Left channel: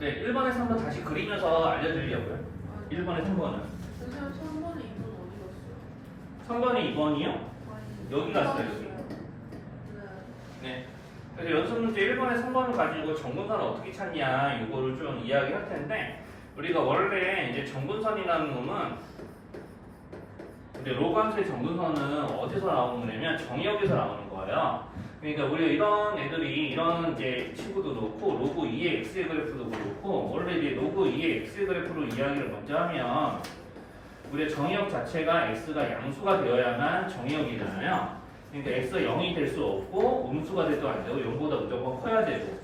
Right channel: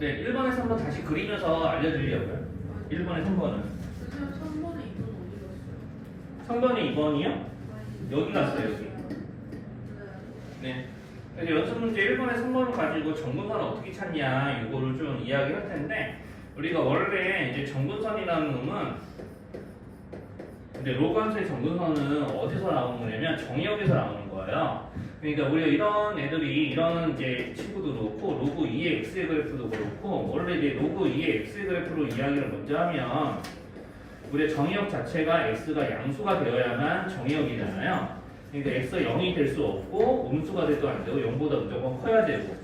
네, 1번에서 한번 다시 그리면서 알려드리려고요. 1번에 3번은. 선생님 3번에 2번 어디 갔어요? 3번에 2번이요? 아니, 여기 갔어요, 여기. 네. 그래서 연습 문제 1번에 3번을 가지고 정근선을 어떻게 찾냐, 이거를 좀 이야기할 텐데, 우리가 원래 이제 정근선이라는 놈은, 근데 로간수의 정근선은 어디서 나오는 거냐면 정의역에서 나오는 거예요. 그러니까 우리가 이런 애들이, 이런 이제 친구도 그렇고, 로그 2의 x의 그래프도 그렇고, 원래 이제 로그 2의 x의 그래프로 이야기를 먼저 하면, 우리의 정의역 자체가 x가 양수가 되어야만 정의역이잖아요. 그러니까 x가 0이 될 수 없고 음수가 돼도 안 되고 0보다 무조건 커야 되고.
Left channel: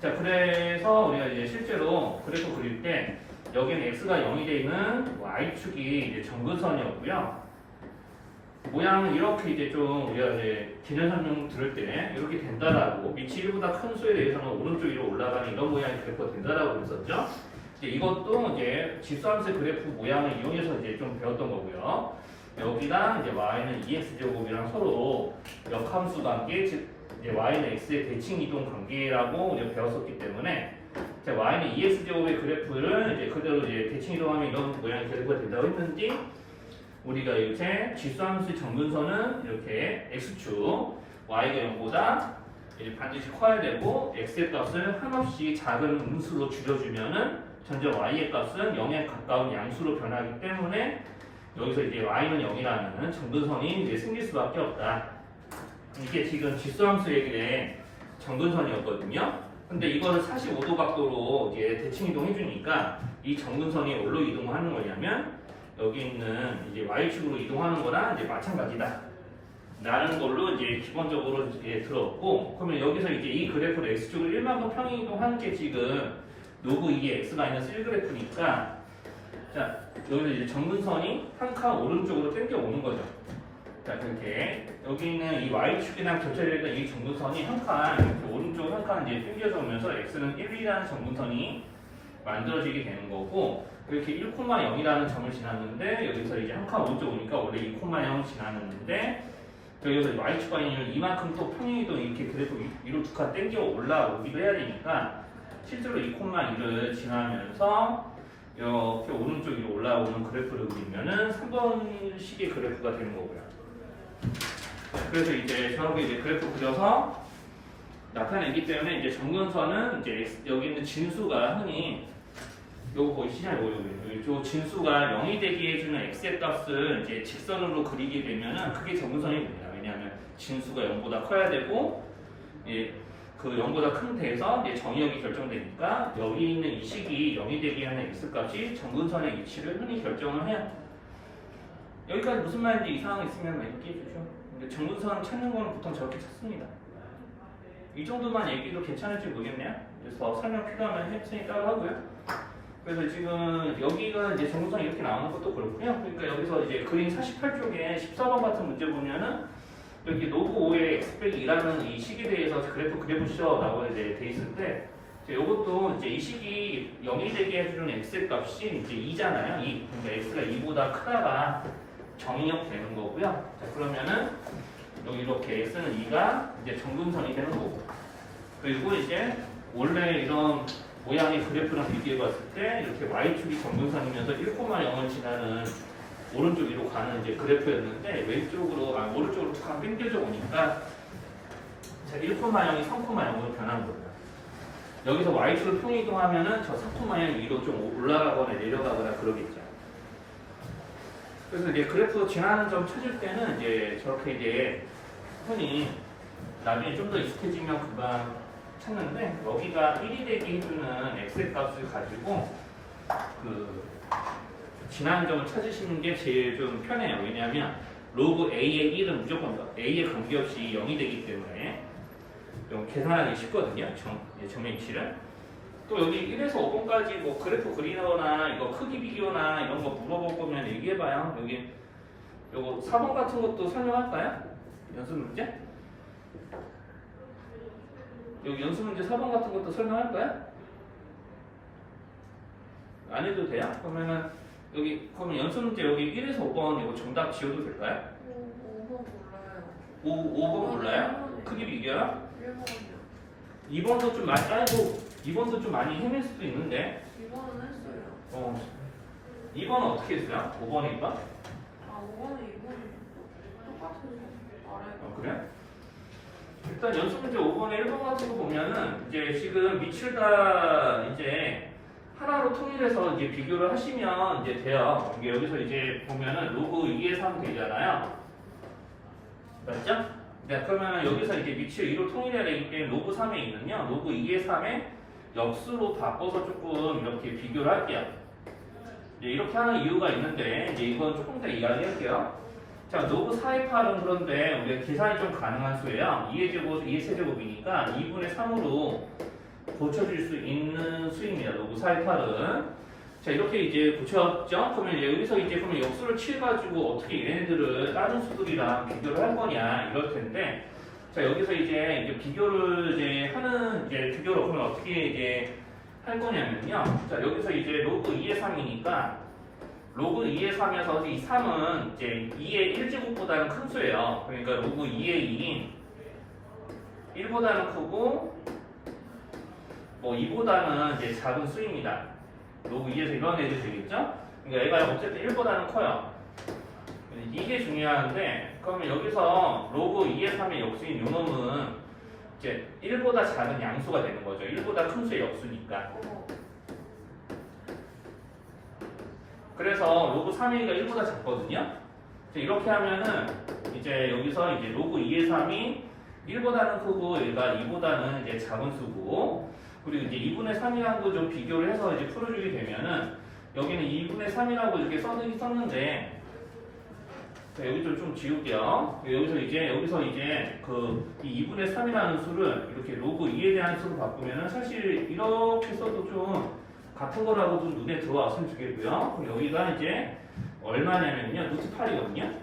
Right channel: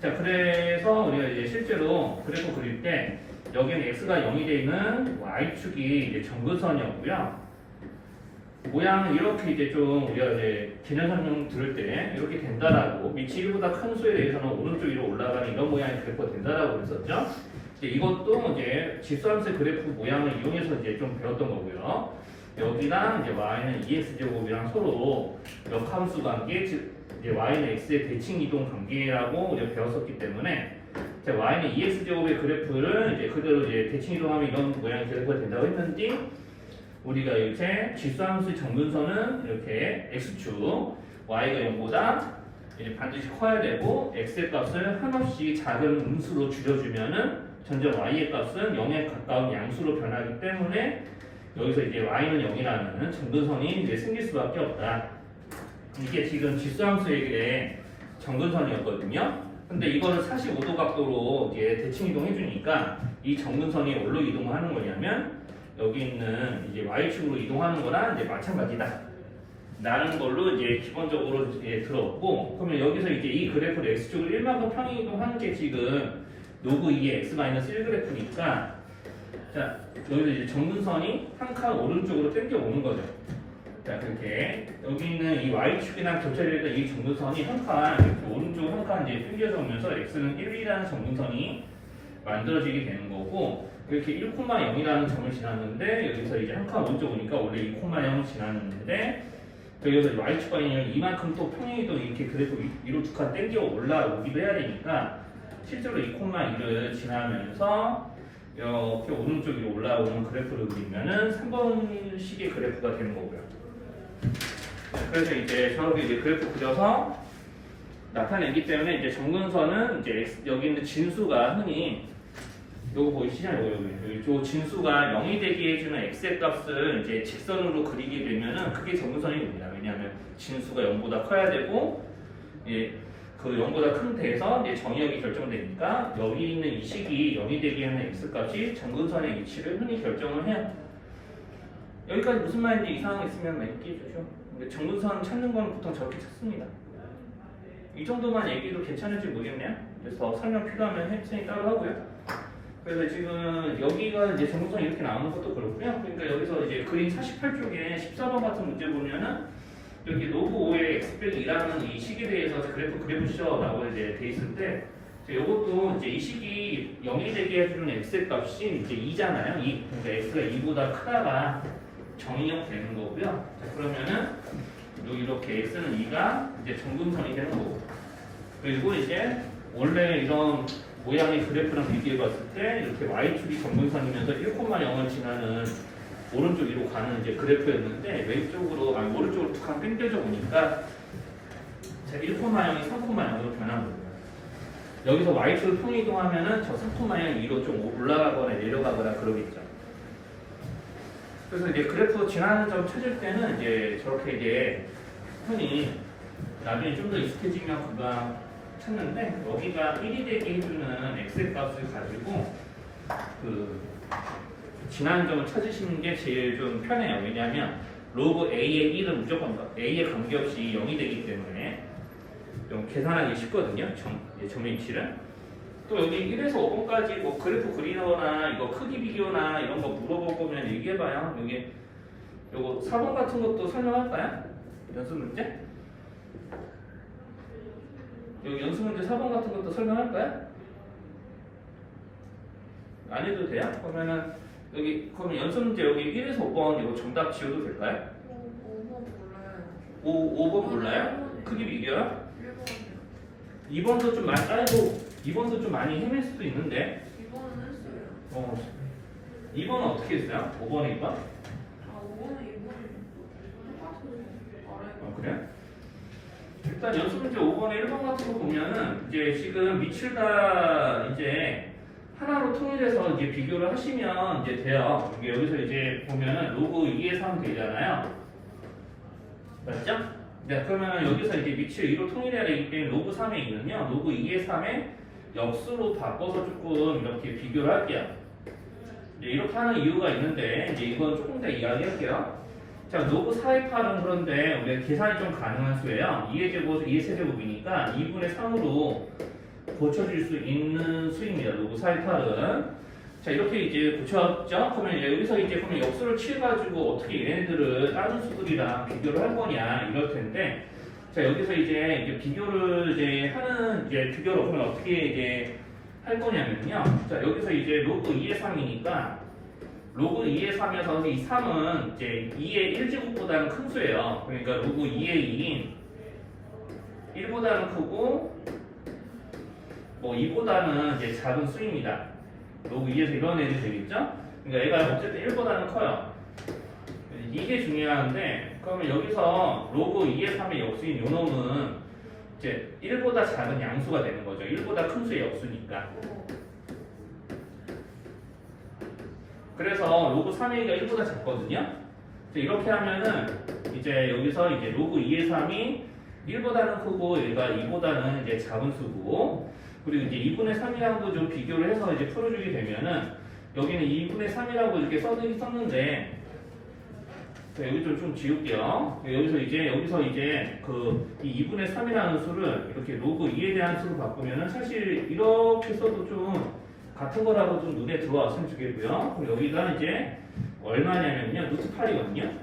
자, 그래서 우리가 이제 실제로 그래프 그릴 때 여기는 x가 0이 되는 y축이 이제 정근선이었고요. 모양은 이렇게 이제 좀 우리가 이제 기능 설명 들을 때 이렇게 된다라고, 밑이 1보다 큰 수에 대해서는 오른쪽 위로 올라가는 이런 모양의 그래프가 된다라고 그랬었죠. 이제 이것도 이제 집수함수의 그래프 모양을 이용해서 이제 좀 배웠던 거고요. 여기랑 이제 y는 2x제곱이랑 서로 역함수 관계, 즉 이제 y는 x의 대칭 이동 관계라고 이제 배웠었기 때문에, 자, y는 2x제곱의 그래프를 이제 그대로 이제 대칭 이동하면 이런 모양의 그래프가 된다고 했는지, 우리가 이제 지수함수의 정근선은 이렇게 x축 y가 0보다 이제 반드시 커야 되고, x의 값을 한없이 작은 음수로 줄여주면은 점점 y의 값은 0에 가까운 양수로 변하기 때문에 여기서 이제 y는 0이라는 정근선이 이제 생길 수밖에 없다. 이게 지금 지수함수의 정근선이었거든요. 근데 이거를 45도 각도로 이제 대칭 이동해주니까 이 정근선이 어디로 이동을 하는 거냐면 여기 있는 이제 y축으로 이동하는 거랑 이제 마찬가지다. 라는 걸로 이제 기본적으로 이제 들었고, 그러면 여기서 이제 이 그래프를 x축을 1만큼 평행 이동하는 게 지금 로그 2의 x-1 그래프니까, 자, 여기서 이제 정근선이 한 칸 오른쪽으로 당겨 오는 거죠. 자, 그렇게 여기 있는 이 y축이랑 겹쳐져 있던 이 정근선이 한 칸, 오른쪽 한 칸 이제 당겨져 오면서 x는 1이라는 정근선이 만들어지게 되는 거고, 이렇게 1,0이라는 점을 지났는데 여기서 이제 한 칸 오른쪽 오니까 원래 2,0을 지났는데 여기서 y축과 인을 이만큼 또 평행이동 이렇게 그래프 위로 두 칸 당겨 올라오기도 해야 되니까 실제로 2,1을 지나면서 이렇게 오른쪽 위로 올라오는 그래프를 그리면은 3번식의 그래프가 되는 거고요. 그래서 이제 저렇게 이제 그래프 그려서 나타내기 때문에 이제 정근선은 이제 여기 있는 진수가 흔히 요거 보이시잖아요. 여기 저 진수가 0이 되게 해주는 x의 값을 이제 직선으로 그리게 되면은 그게 정근선이 됩니다. 왜냐하면 진수가 0보다 커야 되고, 예, 그 0보다 큰 데에서 이제 정의역이 결정되니까 여기 있는 이 식이 0이 되게 하는 x값이 정근선의 위치를 흔히 결정을 해요. 여기까지 무슨 말인지 이상한 거 있으면 얘기해 주죠. 근데 정근선 찾는 건 보통 저렇게 찾습니다. 이 정도만 얘기도 괜찮을지 모르겠네요. 그래서 설명 필요하면 혜진이 따로 하고요. 그래서 지금 여기가 이제 정근선이 이렇게 나오는 것도 그렇고요. 그러니까 여기서 이제 그림 48쪽에 14번 같은 문제 보면은 여기 로그 5의 x-2라는 이 식에 대해서 그래프 그려보시오라고 이제 돼 있을 때, 이것도 이제 이 식이 0이 되게 해주는 x의 값이 이제 2잖아요. 그러니까 x가 2보다 크다가 정의역 되는 거고요. 자, 그러면은 여기 이렇게 x는 2가 이제 정근선이 되는 거고, 그리고 이제 원래 이런 모양의 그래프랑 비교해 봤을 때 이렇게 y축이 정근선이면서 1,0을 지나는 오른쪽 위로 가는 이제 그래프였는데 왼쪽으로 오른쪽으로 툭 하면 당겨져 오니까 1,0이 3,0으로 변한 거고요. 여기서 y축을 평행 이동하면은 저 3,0 위로 좀 올라가거나 내려가거나 그러겠죠. 그래서 이제 그래프 지나는 점 찾을 때는 이제 저렇게 이제 흔히 나중에 좀 더 익숙해지면 금방 찾는데, 여기가 1이 되게 해주는 x의 값을 가지고 그 지나는 점을 찾으시는 게 제일 좀 편해요. 왜냐하면 로그 a의 1은 무조건 a에 관계없이 0이 되기 때문에 좀 계산하기 쉽거든요. 점의 위치를. 또 여기 1에서 5번까지 뭐 그래프 그리거나 이거 크기 비교나 이런 거 물어볼 거면 얘기해봐요. 여기 요거 4번 같은 것도 설명할까요? 연습 문제? 여기 연습 문제 4번 같은 것도 설명할까요? 안 해도 돼요? 그러면은 여기 그러면 연습 문제 여기 1에서 5번 이거 정답 지워도 될까요? 5번 몰라요. 5번 몰라요? 크기 비교요? 1번이요. 2번도 좀 많이, 아이고 2번도 좀 많이 헤맬 수도 있는데. 2번은 했어요. 2번은 어떻게 했어요? 5번에 2번? 아, 5번은 2번이 똑같아서 알아요. 그래? 일단 연습 문제 5번에 1번 같은 거 보면은 이제 지금 밑을 다 이제 하나로 통일해서 이제 비교를 하시면 이제 돼요. 이게 여기서 이제 보면은 로그 2의 3 되잖아요. 맞죠? 네, 그러면 여기서 이제 밑을 2로 통일해야 되기 때문에 로그 3에 있는요. 로그 2의 3의 역수로 바꿔서 조금 이렇게 비교를 할게요. 이제 이렇게 하는 이유가 있는데 이제 이건 조금 더 이야기할게요. 자, 로그 4의 8은 그런데 우리가 계산이 좀 가능한 수예요. 2의 제곱, 2의 세제곱이니까 2분의 3으로 고쳐줄 수 있는 수입니다. 로그 4의 8은. 자, 이렇게 이제 고쳤죠? 그러면 이제 여기서 이제 그러면 역수를 취해가지고 어떻게 얘네들을 다른 수들이랑 비교를 할 거냐 이럴 텐데, 자, 여기서 이제 비교를 이제 하는 이제 비교를 그러면 어떻게 이제 할 거냐면요. 자, 여기서 이제 로그 2의 3이니까 로그 2의 3이어서 이 3은 이제 2의 1제곱보다는 큰 수예요. 그러니까 로그 2의 2인 1보다는 크고 뭐 2보다는 이제 작은 수입니다. 로그 2에서 이런 애들이 되겠죠? 그러니까 얘가 어쨌든 1보다는 커요. 이게 중요한데, 그러면 여기서 로그 2의 3의 역수인 요 놈은 이제 1보다 작은 양수가 되는 거죠. 1보다 큰 수의 역수니까. 그래서 로그 3의 2가 1보다 작거든요. 이렇게 하면은 이제 여기서 이제 로그 2의 3이 1보다는 크고 얘가 2보다는 이제 작은 수고, 그리고 이제 2분의 3이랑도 좀 비교를 해서 이제 풀어주게 되면은 여기는 2분의 3이라고 이렇게 썼는데, 여기 좀 지울게요. 여기서 이제 이 2분의 3이라는 수를 이렇게 로그 2에 대한 수로 바꾸면은 사실 이렇게 써도 좀 같은 거라고 좀 눈에 들어왔으면 좋겠고요. 그럼 여기가 이제 얼마냐면요, 루트 8이거든요.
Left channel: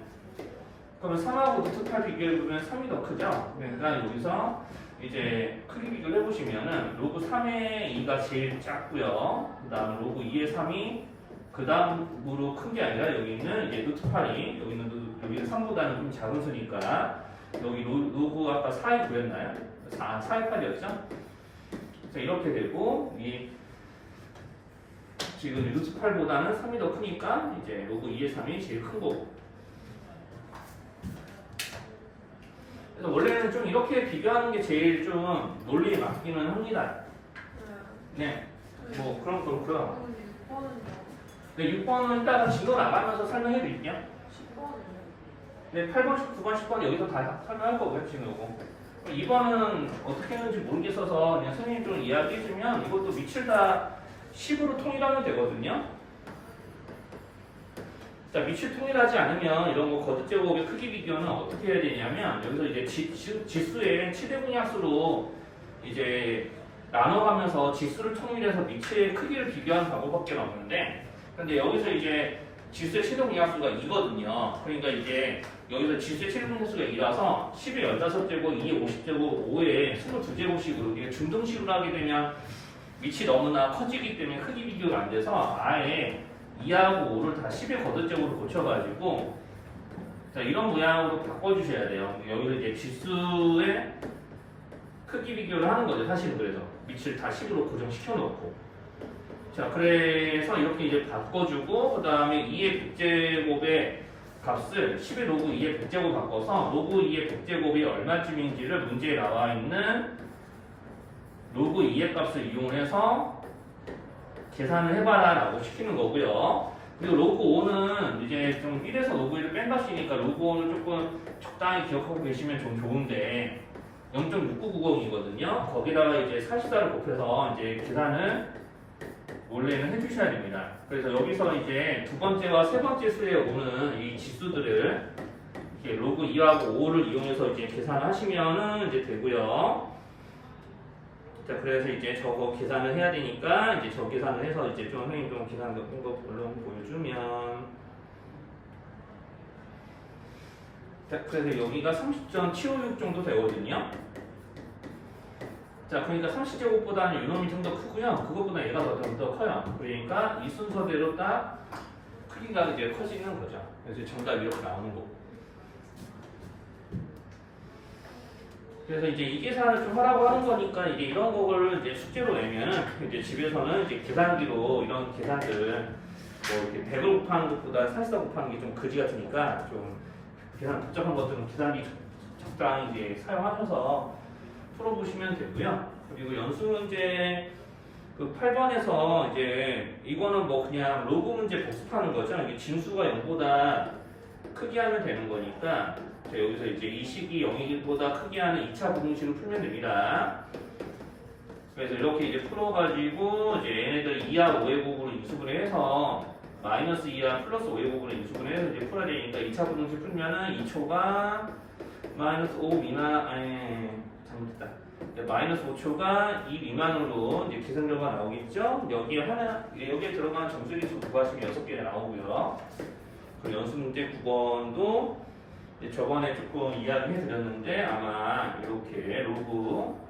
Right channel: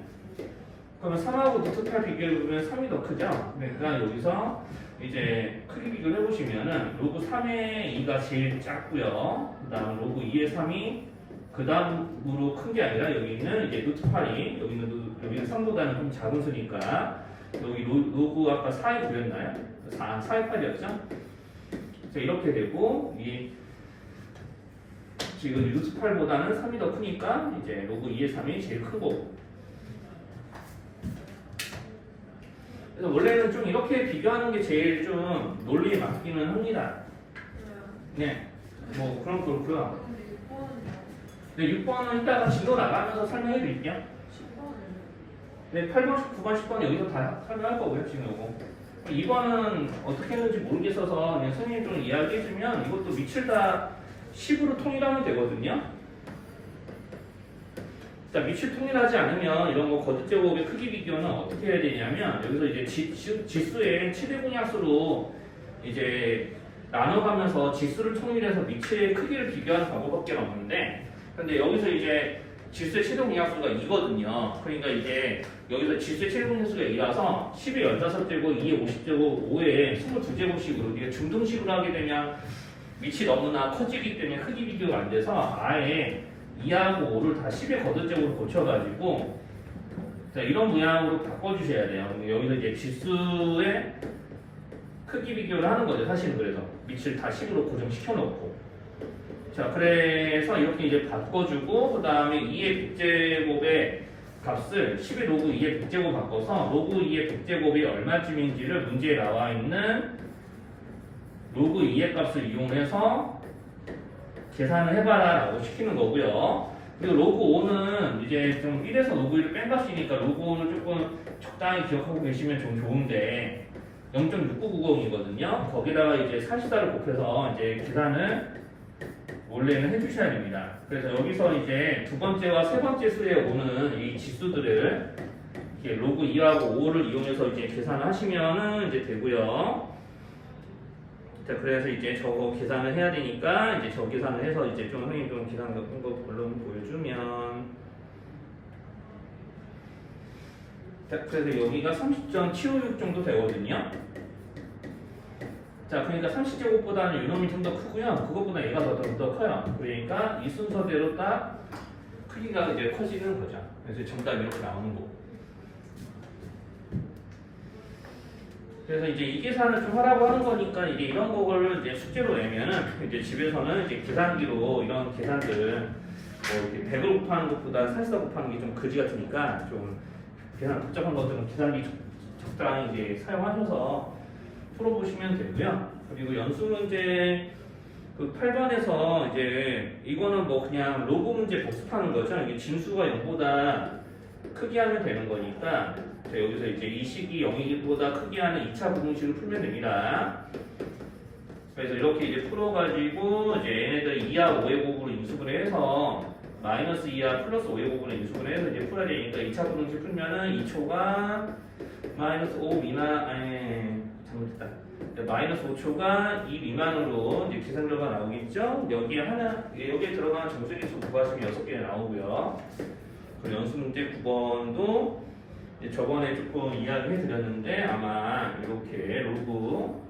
그러면 3하고 루트 8 비교해보면 3이 더 크죠? 그러니까 여기서 이제 크기 비교를 해보시면은 로그 3의 2가 제일 작고요. 그 다음 로그 2의 3이 그 다음으로 큰 게 아니라 여기는 이제 루트 8이 여기는 3보다는 좀 작은 수니까 여기 로그 아까 4에 구했나요? 4의 8이었죠? 자, 이렇게 되고 지금 루트 8보다는 3이 더 크니까 이제 로그 2의 3이 제일 큰 거고. 그래서 원래는 좀 이렇게 비교하는 게 제일 좀 논리에 맞기는 합니다. 네. 뭐 그럼 그렇고요. 네, 6번은 이따가 지도 나가면서 설명해 드릴게요. 10번은 네, 8번, 9번, 10번 여기서 다 설명할 거고요, 지금 요거. 2번은 어떻게 했는지 모르겠어서 그냥 선생님 좀 이야기해 주면 이것도 밑을 다 10으로 통일하면 되거든요. 자, 밑을 통일하지 않으면 이런 거 거듭제곱의 크기 비교는 어떻게 해야 되냐면 여기서 이제 지수의 최대공약수로 이제 나눠가면서 지수를 통일해서 밑의 크기를 비교하는 방법밖에 없는데, 근데 여기서 이제 지수의 최대공약수가 2거든요. 그러니까 이제 여기서 지수의 최대공약수가 2라서 10의 15제곱, 2의 50제곱, 5의 22제곱식으로 이게 중등식으로 하게 되면 밑이 너무나 커지기 때문에 크기 비교가 안 돼서 아예 2하고 5를 다 10의 거듭제곱으로 고쳐가지고 자, 이런 모양으로 바꿔주셔야 돼요. 여기서 이제 지수의 크기 비교를 하는 거죠. 사실은 그래서 밑을 다 10으로 고정시켜놓고, 자, 그래서 이렇게 이제 바꿔주고 그 다음에 2의 100제곱의 값을 10의 로그 2의 100제곱 바꿔서 로그 2의 100제곱이 얼마쯤인지를 문제에 나와 있는 로그 2의 값을 이용해서 계산을 해봐라 라고 시키는 거고요. 그리고 로그 5는 이제 좀 1에서 로그 1을 뺀 값이니까 로그 5는 조금 적당히 기억하고 계시면 좀 좋은데 0.6990이거든요. 거기다가 이제 44를 곱해서 이제 계산을 원래는 해주셔야 됩니다. 그래서 여기서 이제 두 번째와 세 번째 수에 오는 이 지수들을 이렇게 로그 2하고 5를 이용해서 이제 계산을 하시면은 이제 되고요. 자, 그래서 이제 저거 계산을 해야 되니까 이제 저 계산을 해서 이제 좀 선생님 좀 계산 같은 거 물론 보여주면, 자, 그래서 여기가 30.756 정도 되거든요. 자, 그러니까 30제곱보다는 이놈이 좀 더 크고요. 그것보다 얘가 더 커요. 그러니까 이 순서대로 딱 크기가 이제 커지는 거죠. 그래서 정답 이렇게 나오는 거고. 그래서 이제 이 계산을 좀 하라고 하는 거니까 이제 이런 거를 이제 숙제로 내면은 이제 집에서는 이제 계산기로 이런 계산들 뭐 이렇게 100을 곱하는 것보다 44 곱하는 게 좀 거지 같으니까 좀 계산 복잡한 것들은 계산기 적당히 이제 사용하셔서 풀어보시면 되고요. 그리고 연수 문제 그 8번에서 이제 이거는 뭐 그냥 로그 문제 복습하는 거죠. 이게 진수가 0보다 크게 하면 되는 거니까 자, 여기서 이제 이 식이 0이보다 크게 하는 2차 부등식을 풀면 됩니다. 그래서 이렇게 이제 풀어가지고 이제 얘네들 2하 5의 곱으로 인수분해 해서 마이너스 2하 플러스 5의 곱으로 인수분해 해서 이제 풀어야 되니까 2차 부등식 풀면은 2초가 마이너스 5 미만 잘못했다. 마이너스 5초가 2 미만으로 이제 계산 결과 나오겠죠? 여기에 들어가는 정수리수 구하시면 6개 나오고요. 그리고 연수 문제 9번도 저번에 조금 이야기해 드렸는데 아마 이렇게 로그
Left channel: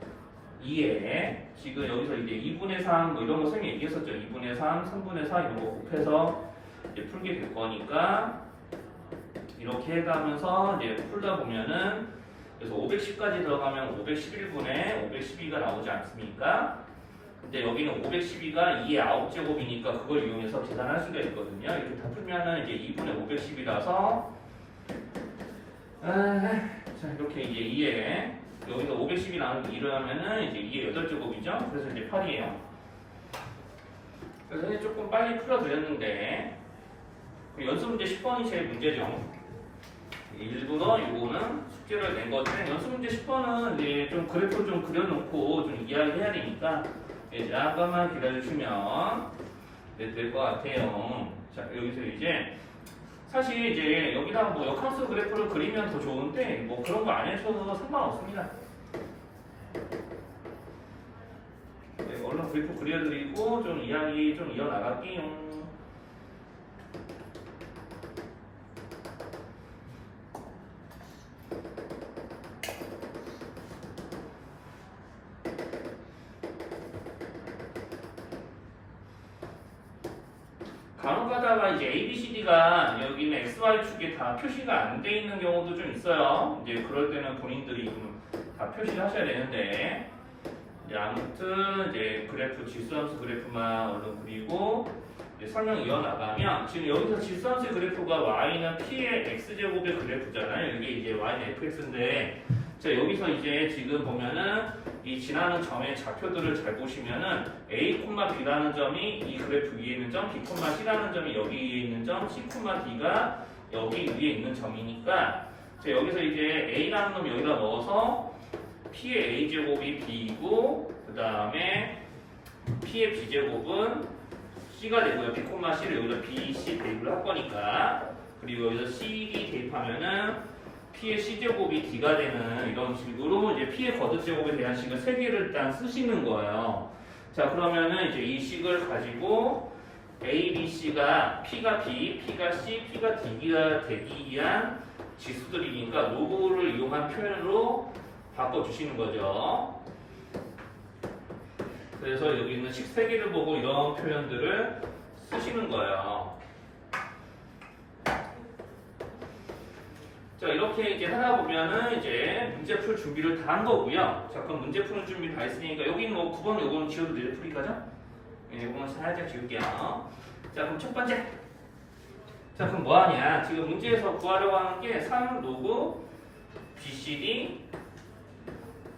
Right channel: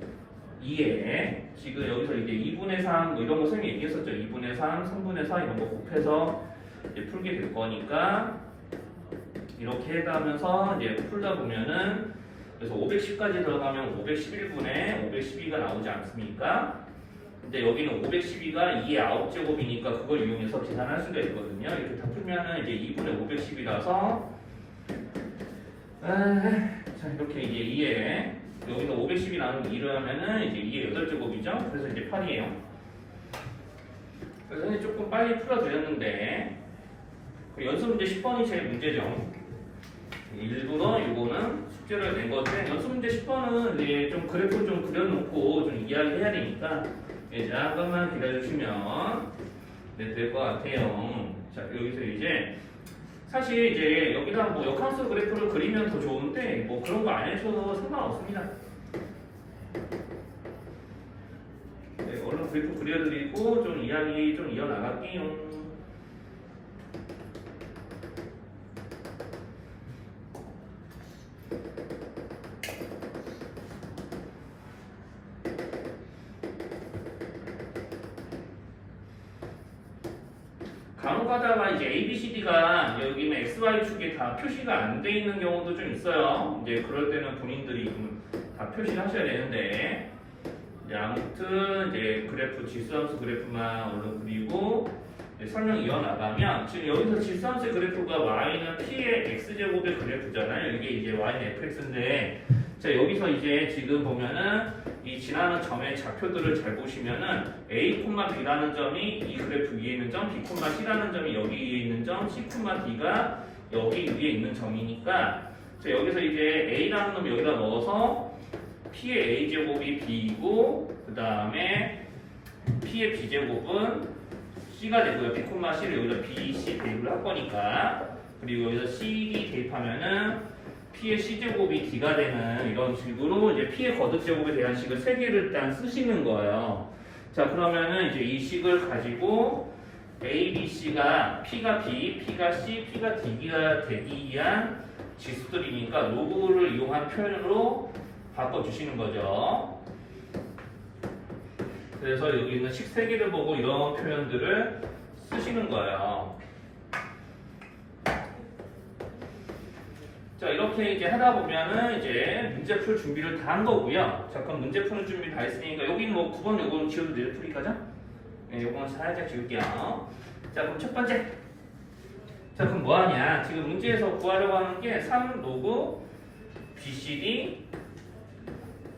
2에 지금 여기서 이제 2분의 3 뭐 이런 거 선생님이 얘기했었죠. 2분의 3, 3분의 4 이런 거 곱해서 이제 풀게 될 거니까 이렇게 해가면서 이제 풀다 보면은 그래서 510까지 들어가면 511분의 512가 나오지 않습니까? 근데 여기는 512가 2의 9제곱이니까 그걸 이용해서 계산할 수가 있거든요. 이렇게 다 풀면은 이제 2분의 510이라서 자 이렇게 이제 2에 여기서 510이 나오는 2를 하면은 이제 2의 8제곱이죠. 그래서 이제 8이에요. 그래서 이제 조금 빨리 풀어드렸는데 연습 문제 10번이 제일 문제죠. 일부러 이거는 숙제를 낸 건데 연습 문제 10번은 이제 좀 그래프를 좀 그려놓고 좀 이야기해야 되니까 잠깐만 기다려주시면 될 것 같아요. 자 여기서 이제 사실 이제 여기다 뭐 역함수 그래프를 그리면 더 좋은데 뭐 그런 거 안 해줘도 상관없습니다. 네, 얼른 그래프 그려드리고 좀 이야기 좀 이어나갈게요. 간혹 가다가 이제 A, B, C, D가 여기는 X, Y 축이 다 표시가 안 돼 있는 경우도 좀 있어요. 이제 그럴 때는 본인들이 다 표시를 하셔야 되는데 이제 아무튼 이제 그래프 질수함수 그래프만 얼른 그리고 설명 이어나가면 지금 여기서 질수함수의 그래프가 Y는 P의 X제곱의 그래프잖아요. 이게 이제 Y는 FX인데 자 여기서 이제 지금 보면은 이 지나는 점의 좌표들을 잘 보시면은 A, B라는 점이 이 그래프 위에 있는 점, B, C라는 점이 여기 위에 있는 점, C, D가 여기 위에 있는 점이니까 자 여기서 이제 A라는 놈 여기다 넣어서 P의 A제곱이 B이고 그 다음에 P의 B제곱은 C가 되고요. B, C를 여기다 B, C 대입을 할 거니까 그리고 여기서 CD 대입하면은 P의 C제곱이 D가 되는 이런 식으로 이제 P의 거듭제곱에 대한 식을 3개를 일단 쓰시는 거예요. 자 그러면은 이제 이 식을 가지고 A, B, C가 P가 B, P가 C, P가 D가 되기 위한 지수들이니까 로그를 이용한 표현으로 바꿔주시는 거죠. 그래서 여기 있는 식 3개를 보고 이런 표현들을 쓰시는 거예요. 자 이렇게 이제 하다 보면은 이제 문제 풀 준비를 다 한 거고요. 자 그럼 문제 푸는 준비 다 했으니까 여기는 뭐 9번 요거는 지워도 내일 풀이까죠? 네, 요거는 살짝 지울게요. 자 그럼 첫 번째. 자 그럼 뭐 하냐? 지금 문제에서 구하려고 하는 게 3 로그 BCD의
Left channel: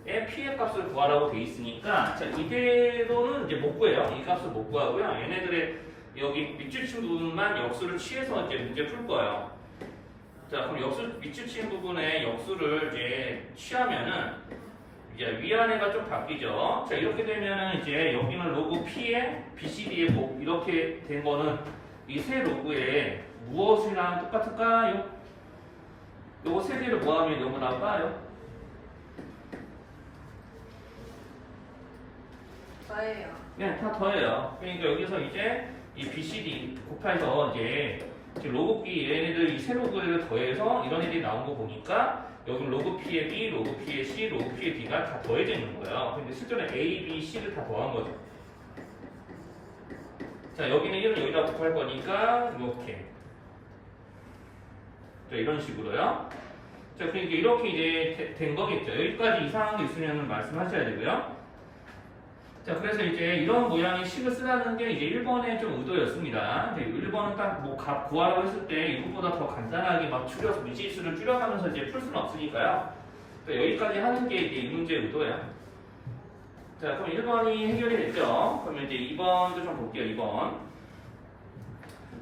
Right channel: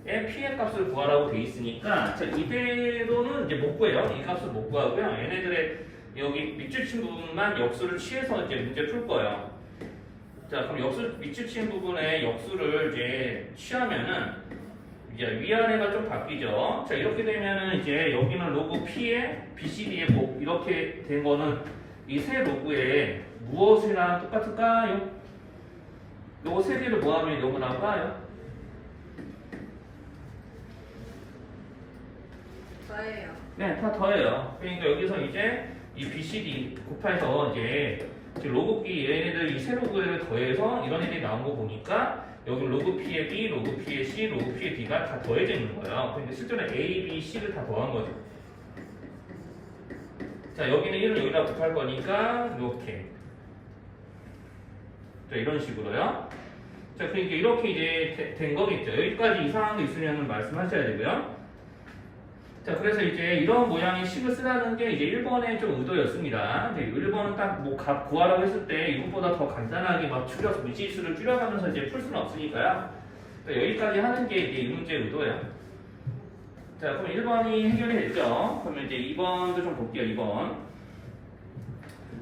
P의 값을 구하라고 돼 있으니까 자 이대로는 이제 못 구해요. 이 값을 못 구하고요. 얘네들의 여기 밑줄 친 부분만 역수를 취해서 이제 문제 풀 거예요. 자 그럼 밑줄 친 부분에 역수를 이제 취하면은 이제 위아래가 좀 바뀌죠. 자 이렇게 되면은 이제 여기는 로그 P의 BCD의 뭐 이렇게 된 거는 이 세 로그에 무엇이랑 똑같을까요? 요거 세 개를 모아면 요거 나올까요? 저예요. 네, 다 더해요. 그러니까 여기서 이제 이 BCD 곱해서 이제 로그끼 얘네들 이 세 로그를 더해서 이런 애들이 나온 거 보니까 여기 로그 P의 B, 로그 P의 C, 로그 P의 D가 다 더해져 있는 거예요. 근데 실제로 A, B, C를 다 더한 거죠. 자 여기는 1은 여기다 곱할 거니까 이렇게 자 이런 식으로요. 자, 그러니까 이렇게 이제 된 거겠죠. 여기까지 이상한 게 있으면 말씀하셔야 되고요. 자, 그래서 이제 이런 모양의 식을 쓰라는 게 이제 1번의 좀 의도였습니다. 이제 1번은 딱 뭐 값 구하라고 했을 때 이것보다 더 간단하게 막 줄여서 미지수를 줄여가면서 이제 풀 수는 없으니까요. 자, 여기까지 하는 게 이제 이 문제의 의도예요. 자, 그럼 1번이 해결이 됐죠. 그러면 이제 2번도 좀 볼게요. 2번.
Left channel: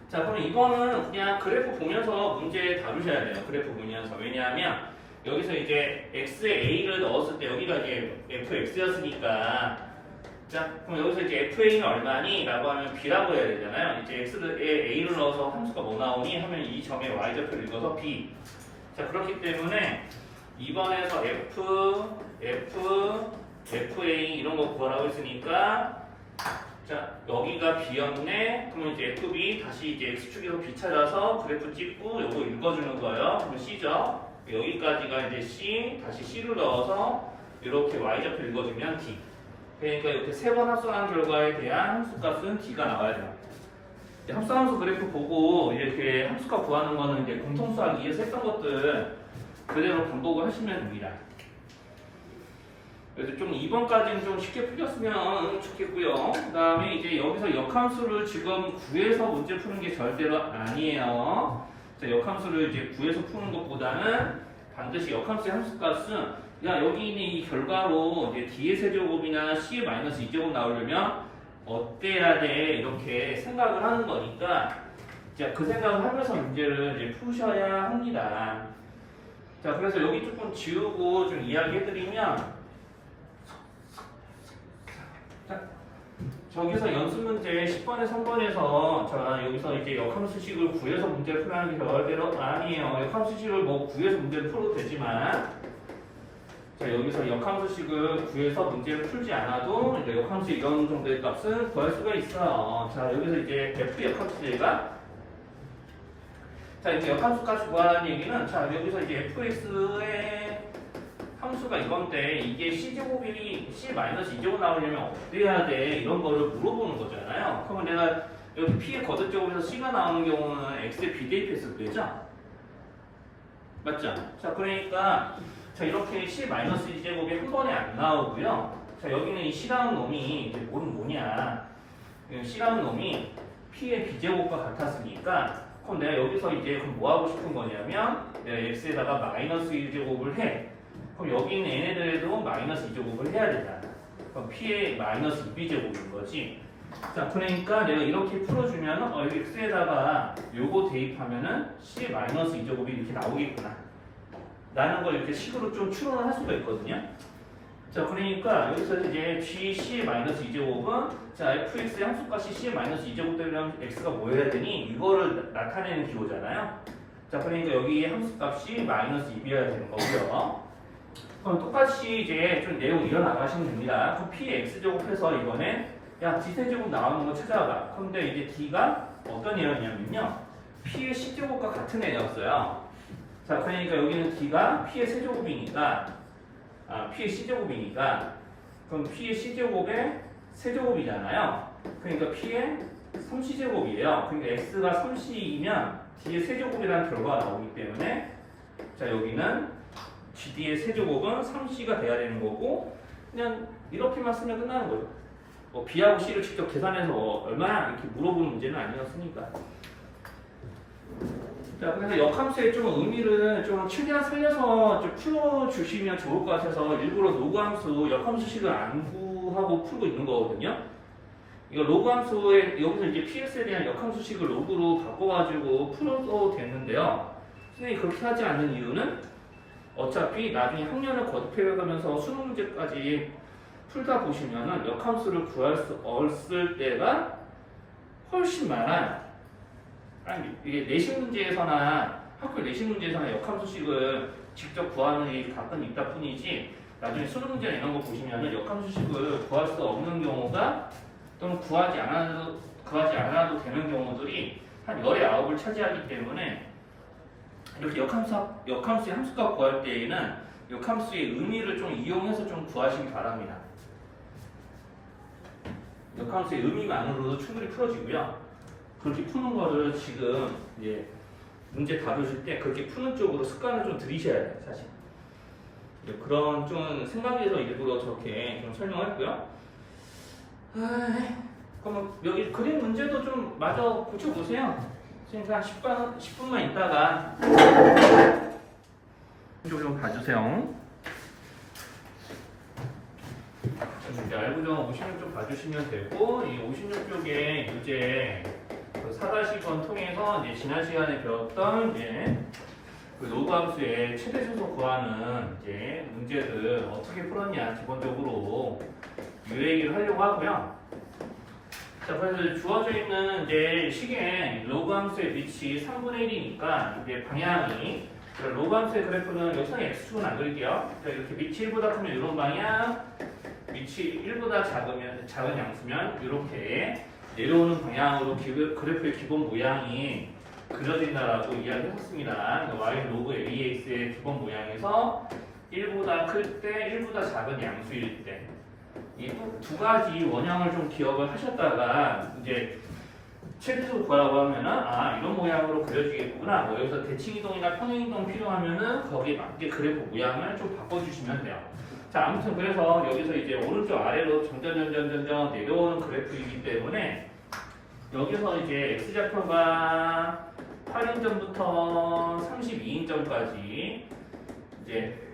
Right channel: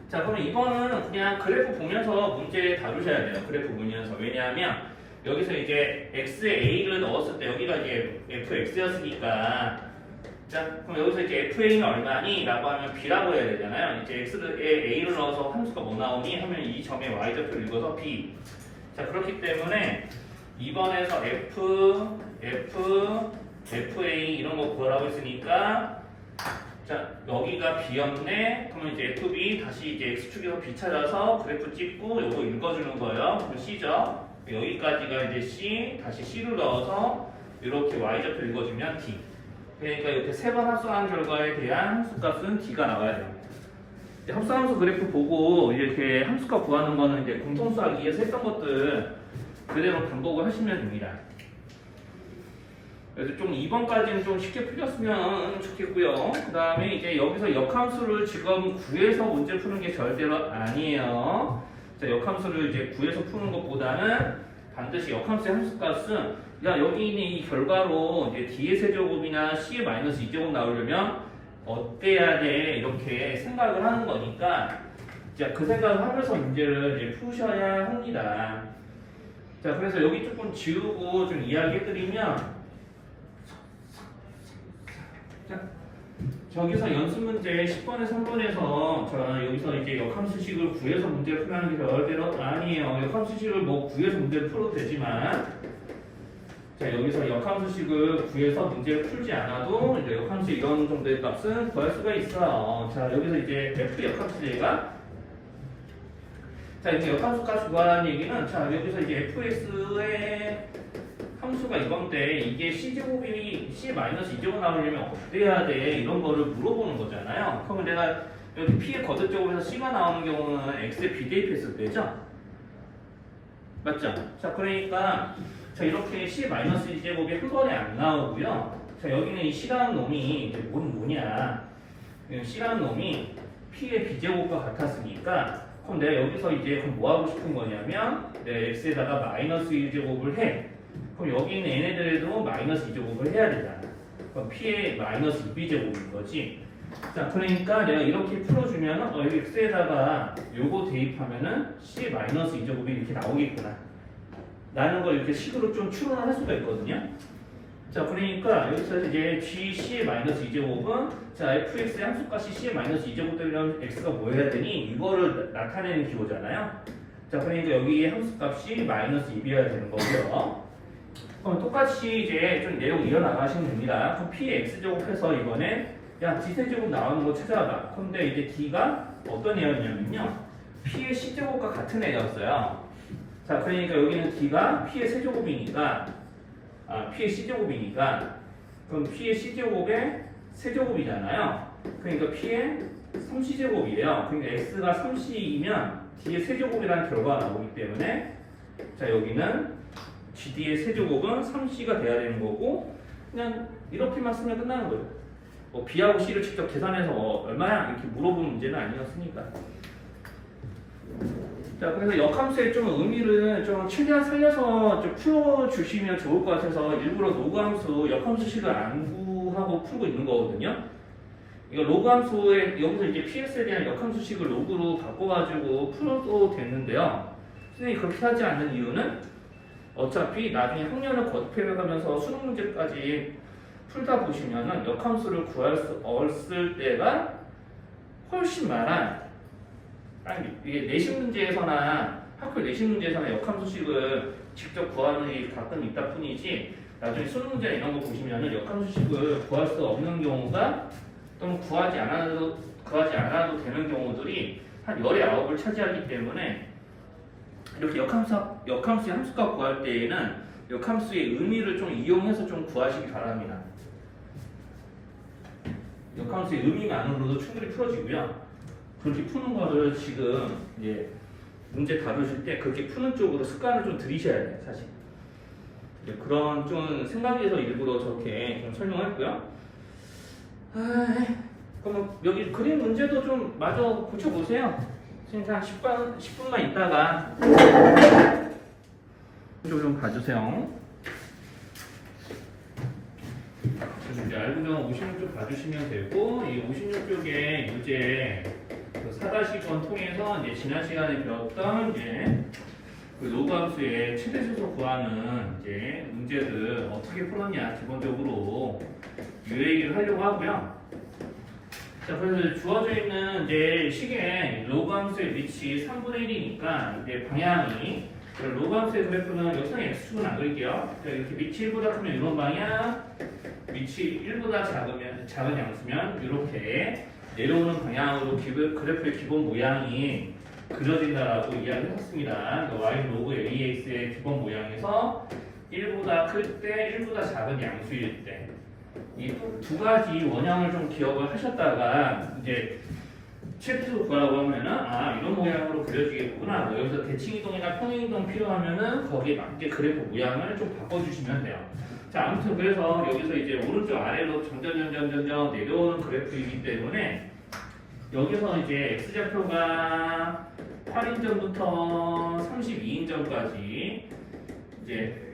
자, 그러면 2번은 그냥 그래프 보면서 문제 다루셔야 돼요. 그래프 보면서. 왜냐하면 여기서 이제 x에 a를 넣었을 때 여기가 이제 fx였으니까 자, 그럼 여기서 이제 fa는 얼마니? 라고 하면 b라고 해야 되잖아요. 이제 x에 a를 넣어서 함수가 뭐 나오니? 하면 이 점의 y좌표를 읽어서 b. 자, 그렇기 때문에 2번에서 fa 이런 거 구하라고 했으니까 자, 여기가 b였네. 그러면 이제 fb 다시 이제 x축에서 b 찾아서 그래프 찍고 요거 읽어주는 거예요. 그럼 c죠. 여기까지가 이제 c, 다시 c를 넣어서 이렇게 y좌표 읽어주면 d. 그러니까 이렇게 세 번 합성한 결과에 대한 함수값은 d가 나와야 돼요. 합성함수 그래프 보고 이렇게 함수값 구하는 거는 이제 공통수학 2에서 했던 것들 그대로 반복을 하시면 됩니다. 그래서 좀 2번까지는 좀 쉽게 풀렸으면 좋겠고요. 그 다음에 이제 여기서 역함수를 지금 구해서 문제 푸는 게 절대로 아니에요. 자, 역함수를 이제 구해서 푸는 것보다는 반드시 역함수의 함수값은 야, 여기 있는 이 결과로 이제 d의 세제곱이나 c의 마이너스 2제곱 나오려면 어때야 돼? 이렇게 생각을 하는 거니까 자, 그 생각을 하면서 문제를 이제 푸셔야 합니다. 자, 그래서 여기 조금 지우고 좀 이야기해드리면 자, 저기서 연습 문제 10번에 3번에서 자, 여기서 이제 역함수식을 구해서 문제를 풀라는 게 절대로 아니에요. 역함수식을 뭐 구해서 문제를 풀어도 되지만 자, 여기서 역함수식을 구해서 문제를 풀지 않아도 이제 역함수 이런 정도의 값은 구할 수가 있어. 자, 여기서 이제 f 역함수가 자, 이제 역함수 값 구하라는 얘기는 자, 여기서 이제 fx의 함수가 이건데 이게 c제곱이 c-2제곱 나오려면 어때야 돼? 이런 거를 물어보는 거잖아요. 그러면 내가 여기 p의 거듭제곱에서 c가 나오는 경우는 x에 비대입했을 때죠? 맞죠? 자, 그러니까 자, 이렇게 c-2제곱이 한 번에 안 나오고요. 자, 여기는 이 c라는 놈이 이제 뭐냐? c라는 놈이 p의 b제곱과 같았으니까 그럼 내가 여기서 이제 그럼 뭐 하고 싶은 거냐면 내가 x에다가 마이너스 2제곱을 해. 그럼 여기 있는 얘네들에도 마이너스 2제곱을 해야 되잖아. 그럼 p의 마이너스 2b제곱인 거지. 자, 그러니까 내가 이렇게 풀어주면 여기 x에다가 요거 대입하면은 c의 마이너스 2제곱이 이렇게 나오겠구나. 라는 걸 이렇게 식으로 좀 추론을 할 수가 있거든요. 자, 그러니까 여기서 이제 gc-2제곱은 자, fx의 함수값이 c-2제곱 되면 x가 뭐 해야 되니? 이거를 나타내는 기호잖아요. 자, 그러니까 여기에 함수값이 마이너스 2이어야 되는 거고요. 그럼 똑같이 이제 좀 내용 이어나가시면 됩니다. 그럼 p의 x제곱해서 이번에 야, d세제곱 나오는 거 찾아봐. 근데 이제 d가 어떤 애였냐면요. p의 c제곱과 같은 애였어요. 자, 그러니까 여기는 d가 p의 세제곱이니까 p의 c제곱이니까 그럼 p의 c제곱의 세제곱이잖아요. 그러니까 p의 3c제곱이에요. 그러니까 x가 3c이면 d의 세제곱이라는 결과가 나오기 때문에 자, 여기는 gd의 세제곱은 3c가 돼야 되는 거고 그냥 이렇게만 쓰면 끝나는 거죠. 뭐 b하고 c를 직접 계산해서 얼마나 이렇게 물어보는 문제는 아니었으니까. 자, 그래서 역함수의 좀 의미를 좀 최대한 살려서 좀 풀어주시면 좋을 것 같아서 일부러 로그함수, 역함수식을 안 구하고 풀고 있는 거거든요. 이거 로그함수에 여기서 이제 ps에 대한 역함수식을 로그로 바꿔가지고 풀어도 되는데요. 선생님이 그렇게 하지 않는 이유는 어차피 나중에 학년을 거듭해가면서 수능 문제까지 풀다 보시면은 역함수를 구할 수 없을 때가 훨씬 많아요. 아니, 이게 내신 문제에서나 학교 내신 문제에서나 역함수식을 직접 구하는 일이 가끔 있다 뿐이지 나중에 수능 문제나 이런 거 보시면은 역함수식을 구할 수 없는 경우가 또는 구하지 않아도 되는 경우들이 한 열의 9을 차지하기 때문에 이렇게 역함수의 함수값 구할 때에는 역함수의 의미를 좀 이용해서 좀 구하시기 바랍니다. 역함수의 의미만으로도 충분히 풀어지고요. 그렇게 푸는 거를 지금 이제 문제 다루실 때 그렇게 푸는 쪽으로 습관을 좀 들이셔야 돼요, 사실. 네, 그런 좀 생각에서 일부러 저렇게 좀 설명했고요. 그럼 여기 그림 문제도 좀 마저 고쳐보세요. 지금 한 10분만 있다가 이쪽 좀 봐주세요. 이제 알고정 56쪽 봐주시면 되고, 이 56쪽에 문제 4-2번 통해서 이제 지난 시간에 배웠던 이제 그 로그 함수의 최대 수소 구하는 이제 문제들 어떻게 풀었냐 기본적으로 이 얘기를 하려고 하고요. 자, 그래서 주어져 있는 이제 식의 로그 함수의 밑이 3분의 1이니까 이제 방향이 로그 함수의 그래프는 여기서 x축은 안 그릴게요. 자, 이렇게 밑이 1보다 크면 이런 방향, 밑이 1보다 작은 양수면 이렇게 내려오는 방향으로 그래프의 기본 모양이 그려진다라고 이야기를 했습니다. y 로그 ax의 기본 모양에서 1보다 클 때, 1보다 작은 양수일 때. 이 두 가지 원형을 좀 기억을 하셨다가 이제 최대수 구하라고 하면은 이런 모양으로 그려지겠구나. 뭐 여기서 대칭이동이나 평행이동 필요하면은 거기에 맞게 그래프 모양을 좀 바꿔주시면 돼요. 자, 아무튼 그래서 여기서 이제 오른쪽 아래로 점점 내려오는 그래프이기 때문에 여기서 이제 x좌표가 8인점부터 32인점까지 이제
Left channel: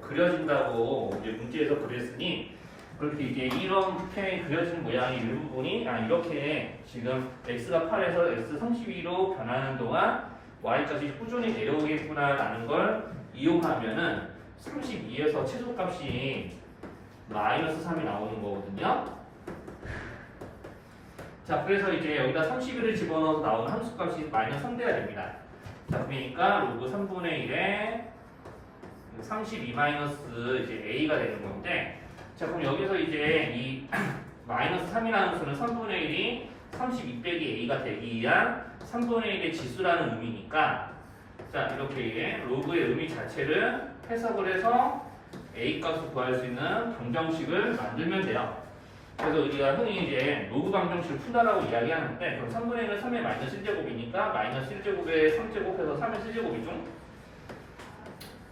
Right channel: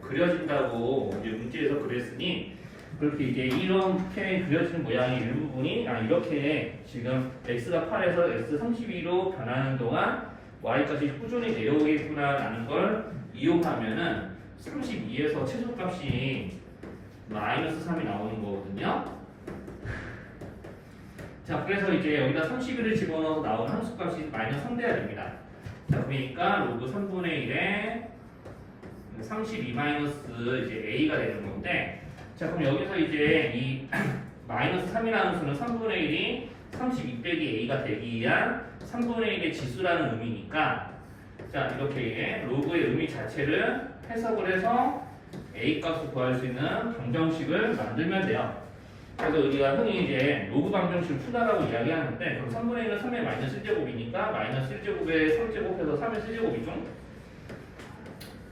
그려진다고 이제 문제에서 그랬으니 그렇게 이제 이렇게 그려진 모양의 일부분이 이렇게 지금 x가 8에서 x 32로 변하는 동안 y까지 꾸준히 내려오겠구나라는 걸 이용하면은 32에서 최소값이 마이너스 3이 나오는 거거든요. 자, 그래서 이제 여기다 31을 집어넣어서 나오는 함수값이 마이너스 3 돼야 됩니다. 자, 그러니까 로그 3분의 1에 32 마이너스 이제 a가 되는 건데, 자, 그럼 여기서 이제 이 마이너스 3이라는 수는 3분의 1이 32 빼기 a가 되기 위한 3분의 1의 지수라는 의미니까, 자, 이렇게 로그의 의미 자체를 해석을 해서 a 값을 구할 수 있는 방정식을 만들면 돼요. 그래서 우리가 흔히 이제 로그 방정식을 푼다라고 이야기하는데, 그럼 3분의 1은 3의 마이너스 1제곱이니까 마이너스 1제곱에 3제곱해서 3의 1제곱이죠.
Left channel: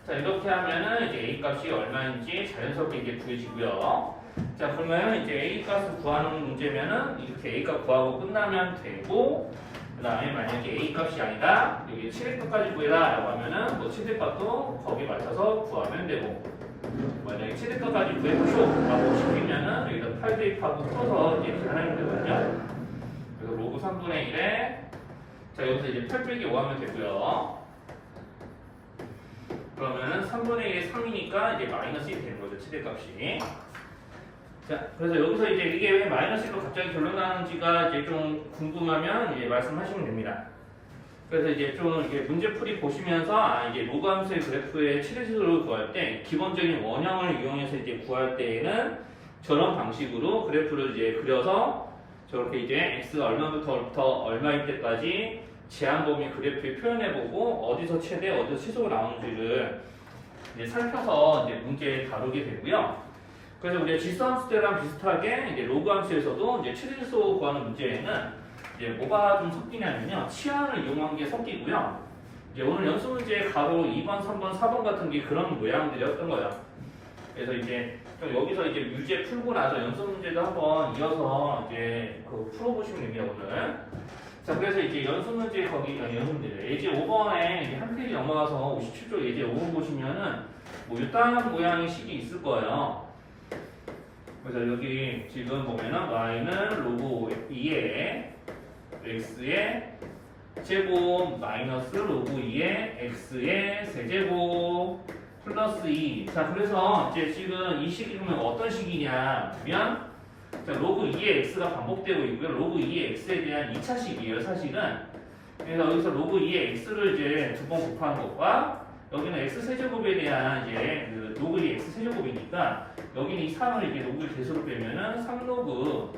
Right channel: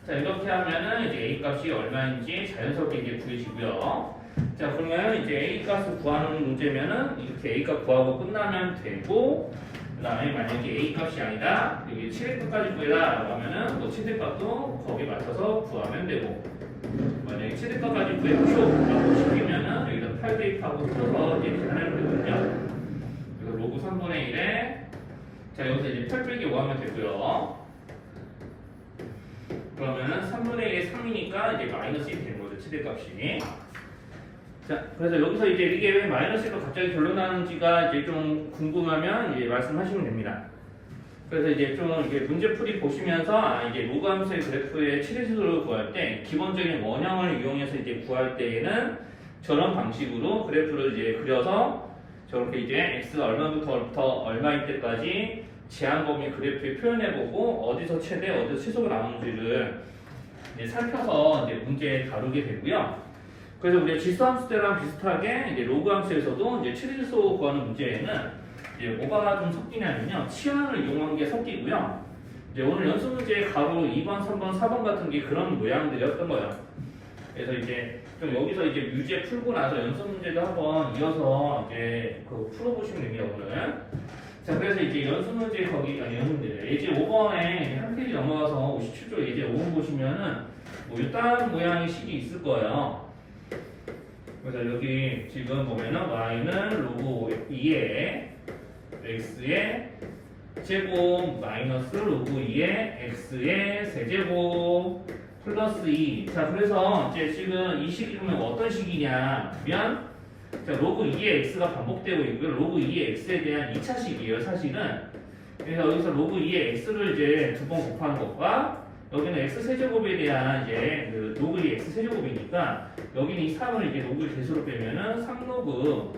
자, 이렇게 하면은 이제 a 값이 얼마인지 자연스럽게 이제 구해지고요. 자, 그러면 이제 a 값을 구하는 문제면은 이렇게 a 값 구하고 끝나면 되고, 그 다음에 만약에 a 값이 아니다, 여기 최대값까지 구해라 라고 하면은 뭐 최대값도 거기에 맞춰서 구하면 되고, 만약에 최대값까지 구해보쇼 라고 시키면은 여기다 8 대입하고 풀어서 이제 계산하면 되거든요. 그래서 로그 3분의 1에 자, 여기서 이제 8 빼기 5 하면 되고요. 그러면은 3분의 1에 3이니까 이제 마이너스 1이 되는 거죠, 최대값이. 자, 그래서 여기서 이제 이게 왜 마이너스 1로 갑자기 결론 나는지가 이제 좀 궁금하면 이제 말씀하시면 됩니다. 그래서 이제 좀 이게 문제풀이 보시면서 이제 로그 함수의 그래프의 최대수를 구할 때 기본적인 원형을 이용해서 이제 구할 때에는 저런 방식으로 그래프를 이제 그려서 저렇게 이제 x가 얼마부터 얼마일 때까지 제한 범위 그래프에 표현해보고 어디서 최대, 어디서 최소가 나오는지를 이제 살펴서 이제 문제 다루게 되고요. 그래서 우리가 지수함수대랑 비슷하게 이제 로그 함수에서도 이제 최대수 구하는 문제에는 이제 뭐가 좀 섞이냐면요, 치환을 이용한 게 섞이고요. 이제 오늘 연습 문제 가로 2번, 3번, 4번 같은 게 그런 모양들이었던 거예요. 그래서 이제 좀 여기서 이제 유제 풀고 나서 연습 문제도 한번 이어서 이제 그 풀어보시면 됩니다, 오늘. 자, 그래서 이제 연습 문제 연습 문제 예제 5번에 한 페이지 넘어가서 57쪽 예제 5번 보시면은 뭐 이딴 모양의 식이 있을 거예요. 그래서 여기 지금 보면은 y는 로그 2에 x의 제곱 마이너스 로그 2의 x의 세제곱 플러스 2. 자, 그래서 이제 지금 이 식이 보면 어떤 식이냐 면, 자, 로그 2의 x가 반복되고 있고요. 로그 2의 x에 대한 2차식이에요, 사실은. 그래서 여기서 로그 2의 x를 이제 두 번 곱하는 것과 여기는 x 세제곱에 대한 이제 그 로그 2의 x 세제곱이니까 여기는 이 3을 이제 로그 개수로 빼면은 3로그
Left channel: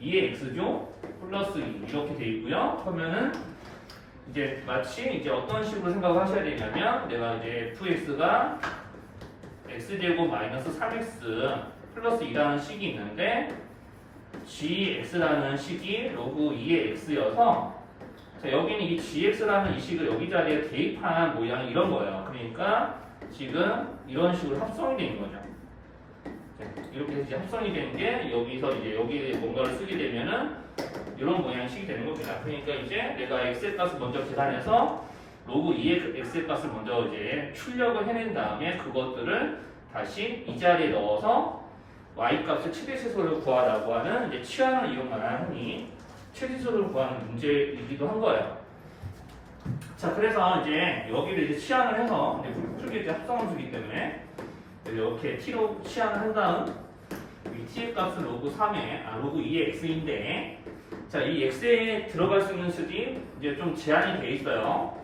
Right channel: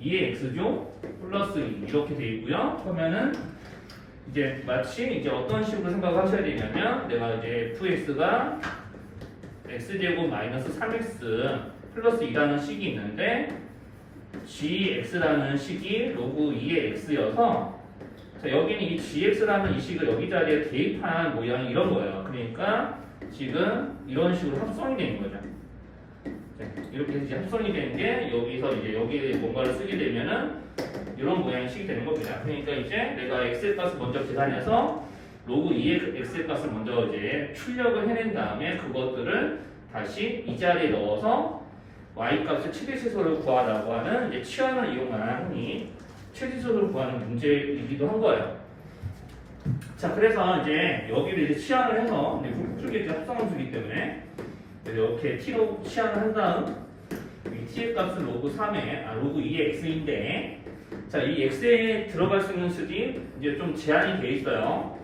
2의 x죠? 플러스 2 이렇게 돼 있고요. 그러면은 이제 마치 이제 어떤 식으로 생각을 하셔야 되냐면, 내가 이제 fx가 x제곱 마이너스 3x 플러스 2라는 식이 있는데 gx라는 식이 로그 2의 x여서, 자, 여기는 이 gx라는 이 식을 여기 자리에 대입한 모양이 이런 거예요. 그러니까 지금 이런 식으로 합성이 되는 거죠. 자, 이렇게 해서 이제 합성이 되는 게 여기서 이제 여기에 뭔가를 쓰게 되면은 이런 모양식이 되는 겁니다. 그러니까 이제 내가 x의 값을 먼저 계산해서 로그 2의 x의 값을 먼저 이제 출력을 해낸 다음에 그것들을 다시 이 자리에 넣어서 y 값의 최대 최소를 구하라고 하는 이제 치환을 이용한 흔히 최대 최소를 구하는 문제이기도 한 거예요. 자, 그래서 이제 여기를 이제 치환을 해서 쪽에 이제 합성함수이기 때문에 이렇게 t로 치환을 한 다음 이 t의 값은 로그 3의 로그 2의 x인데, 자, 이 x에 들어갈 수 있는 수지 이제 좀 제한이 돼 있어요.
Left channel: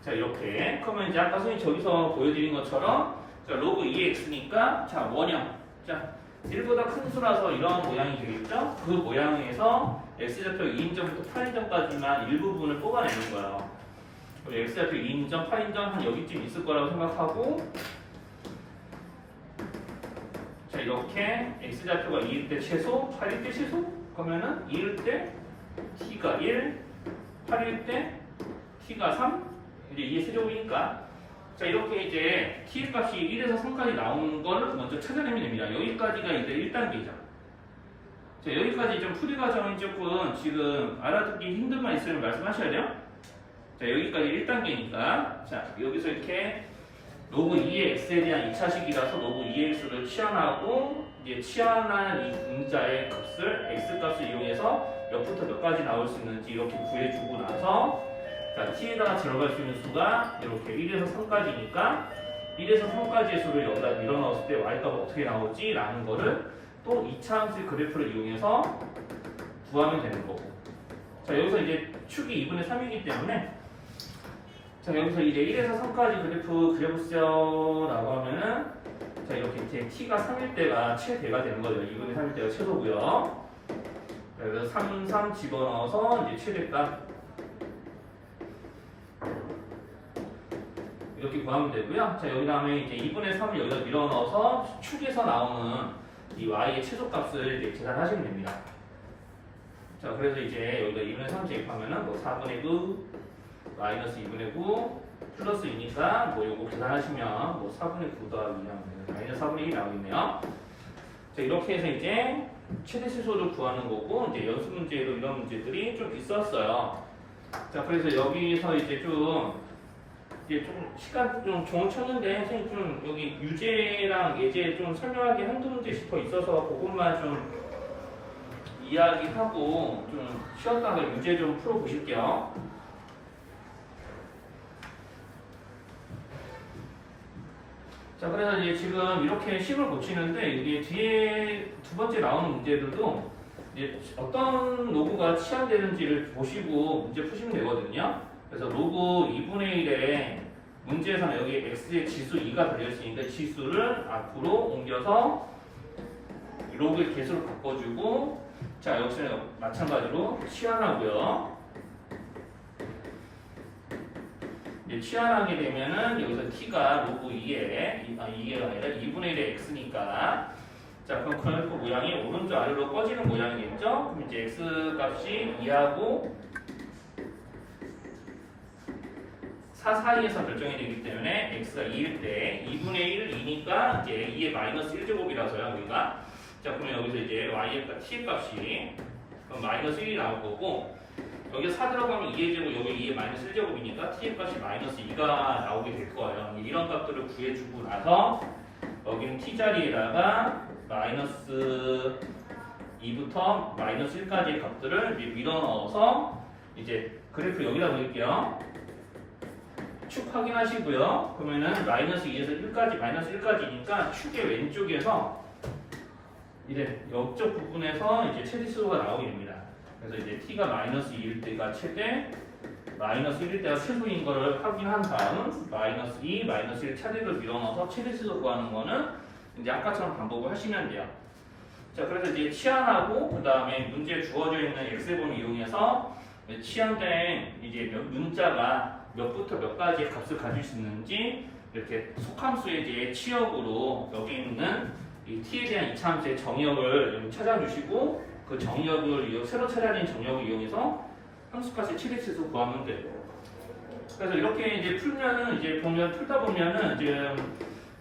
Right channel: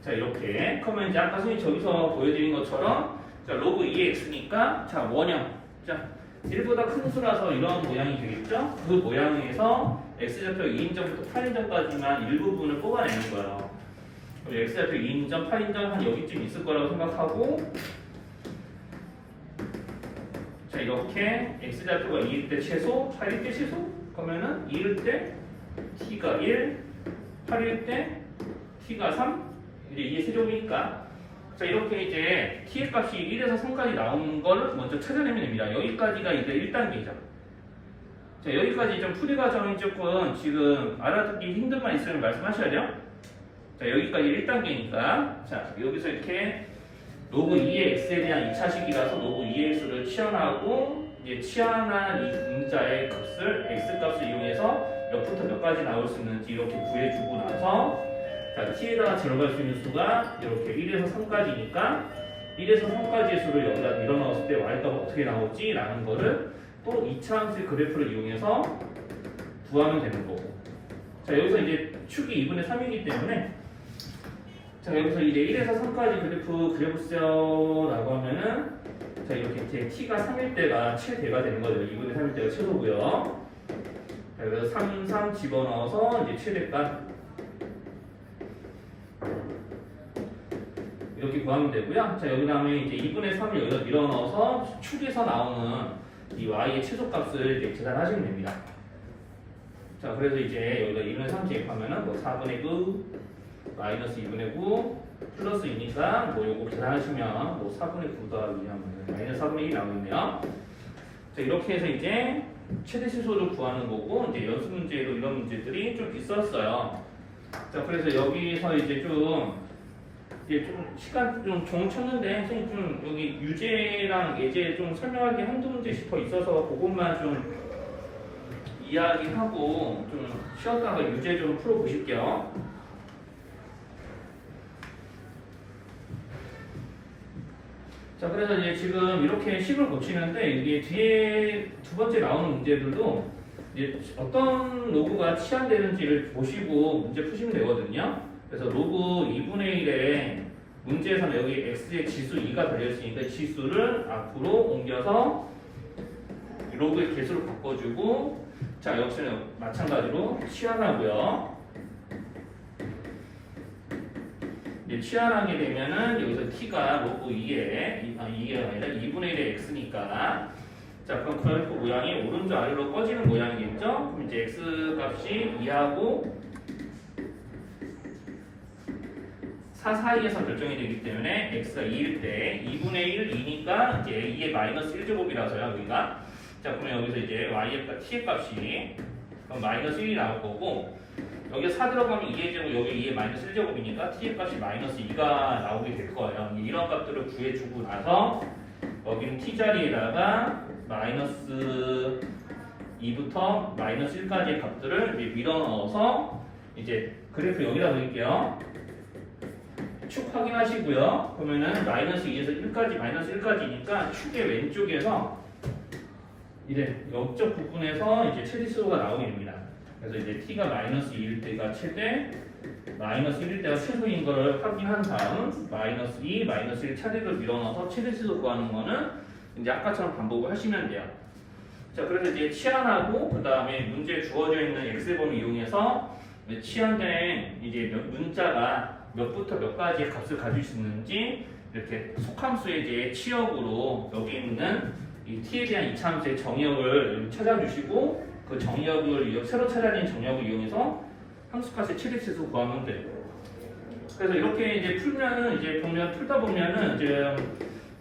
자, 이렇게 그러면 이제 아까 선생님이 저기서 보여드린 것처럼 자, 로그 2의 x니까 자, 원형 자 1보다 큰 수라서 이런 모양이 되겠죠? 그 모양에서 x좌표 2인점부터 8인점까지만 일부분을 뽑아내는 거예요. x좌표 2인점, 8인점 한 여기쯤 있을 거라고 생각하고, 자, 이렇게 x좌표가 2일 때 최소, 8일 때 최소? 그러면은 2일 때 t가 1, 8일 때 t가 3, 이제 이게 세제곱이니까 자, 이렇게 이제 t의 값이 1에서 3까지 나오는 걸 먼저 찾아내면 됩니다. 여기까지가 이제 1단계죠. 자, 여기까지 좀 풀이 과정이 조금 지금 알아듣기 힘든 만 있으면 말씀하셔야 돼요. 자, 여기까지 1단계니까 자, 여기서 이렇게 로그 2의 x에 대한 2차식이라서 로그 2의 x를 치환하고 이제 치환한 이 분자의 값을 x 값을 이용해서 몇부터 몇까지 나올 수 있는지 이렇게 구해주고 나서 자, t에다가 들어갈 수 있는 수가 이렇게 1에서 3까지니까 1에서 3까지의 수를 여기다 밀어넣었을 때 y값은 어떻게 나오지? 라는 거를 또 2차 함수의 그래프를 이용해서 구하면 되는 거고, 자, 여기서 이제 축이 2분의 3이기 때문에 자, 여기서 이제 1에서 3까지 그래프 그려보세요라고 하면은 자, 이렇게 이제 t가 3일 때가 최대가 되는 거죠. 2분의 3일 때가 최소고요. 자, 그래서 3, 3 집어넣어서 이제 최대값 이렇게 구하면 되고요. 자, 여기 다음에 이제 2분의 3을 여기다 밀어넣어서 축에서 나오는 이 y의 최소값을 이제 계산하시면 됩니다. 자, 그래서 이제 여기다 2분의 3 제입하면은 뭐 4분의 9 마이너스 2분의 9 플러스 2니까 뭐 요거 계산하시면 뭐 4분의 9 더하기 하면 마이너스 4분의 1이 나오겠네요. 자, 이렇게 해서 이제 최대 최소를 구하는 거고, 이제 연습 문제로 이런 문제들이 좀 있었어요. 자, 그래서 여기서 이제 좀 시간 좀 쳤는데 선생님 좀 여기 유제랑 예제 좀 설명하기 한두 문제씩 더 있어서 그것만 좀 이야기하고 좀 쉬었다가 유제 좀 풀어보실게요. 자, 그래서 이제 지금 이렇게 식을 고치는데 이게 뒤에 두 번째 나오는 문제들도 이제 어떤 로그가 치환되는지를 보시고 문제 푸시면 되거든요. 그래서 로그 2분의 1에 문제에서는 여기 x의 지수 2가 달려있으니까 지수를 앞으로 옮겨서 로그의 개수로 바꿔주고, 자, 여기서는 마찬가지로 치환하고요. 이제 치환하게 되면은 여기서 t가 로그 2에 2가 아니라 2분의 1의 x니까 자, 그럼 그래프 모양이 오른쪽 아래로 꺼지는 모양이겠죠? 그럼 이제 x 값이 2하고 4 사이에서 결정이 되기 때문에 x가 2일 때 2분의 1, 2니까 이제 2의 마이너스 1제곱이라서요, 여기가. 자, 그러면 여기서 이제 y의 t의 값이 그럼 마이너스 1이 나올 거고, 여기 4 들어가면 2의 제곱, 여기 2의 마이너스 1제곱이니까 t의 값이 마이너스 2가 나오게 될 거예요. 이런 값들을 구해주고 나서 여기는 t 자리에다가 마이너스 2부터 마이너스 1까지의 값들을 밀어넣어서 이제 그래프 여기다 그릴게요. 축 확인하시고요. 그러면은 마이너스 2에서 1까지, 마이너스 1까지니까 축의 왼쪽에서 이제 옆쪽 부분에서 이제 최대수가 나오게 됩니다. 그래서 이제 t가 마이너스 2일 때가 최대, 마이너스 1일 때가 최소인 거를 확인한 다음 마이너스 2, 마이너스 1 차례를 밀어넣어서 최대수 구하는 거는 이제 아까처럼 반복을 하시면 돼요. 자, 그래서 이제 치환하고 그 다음에 문제에 주어져 있는 x번호 이용해서 치환된 이제 문자가 몇부터 몇 가지의 값을 가질 수 있는지 이렇게 속함수의 이제 치역으로 여기 있는 이 t에 대한 이차함수의 정의역을 찾아주시고 그 정의역을 새로 찾아낸 정의역을 이용해서 함수값의 최대치수 구하면 돼. 그래서 이렇게 이제 풀면은 이제 보면 풀다 보면은 이제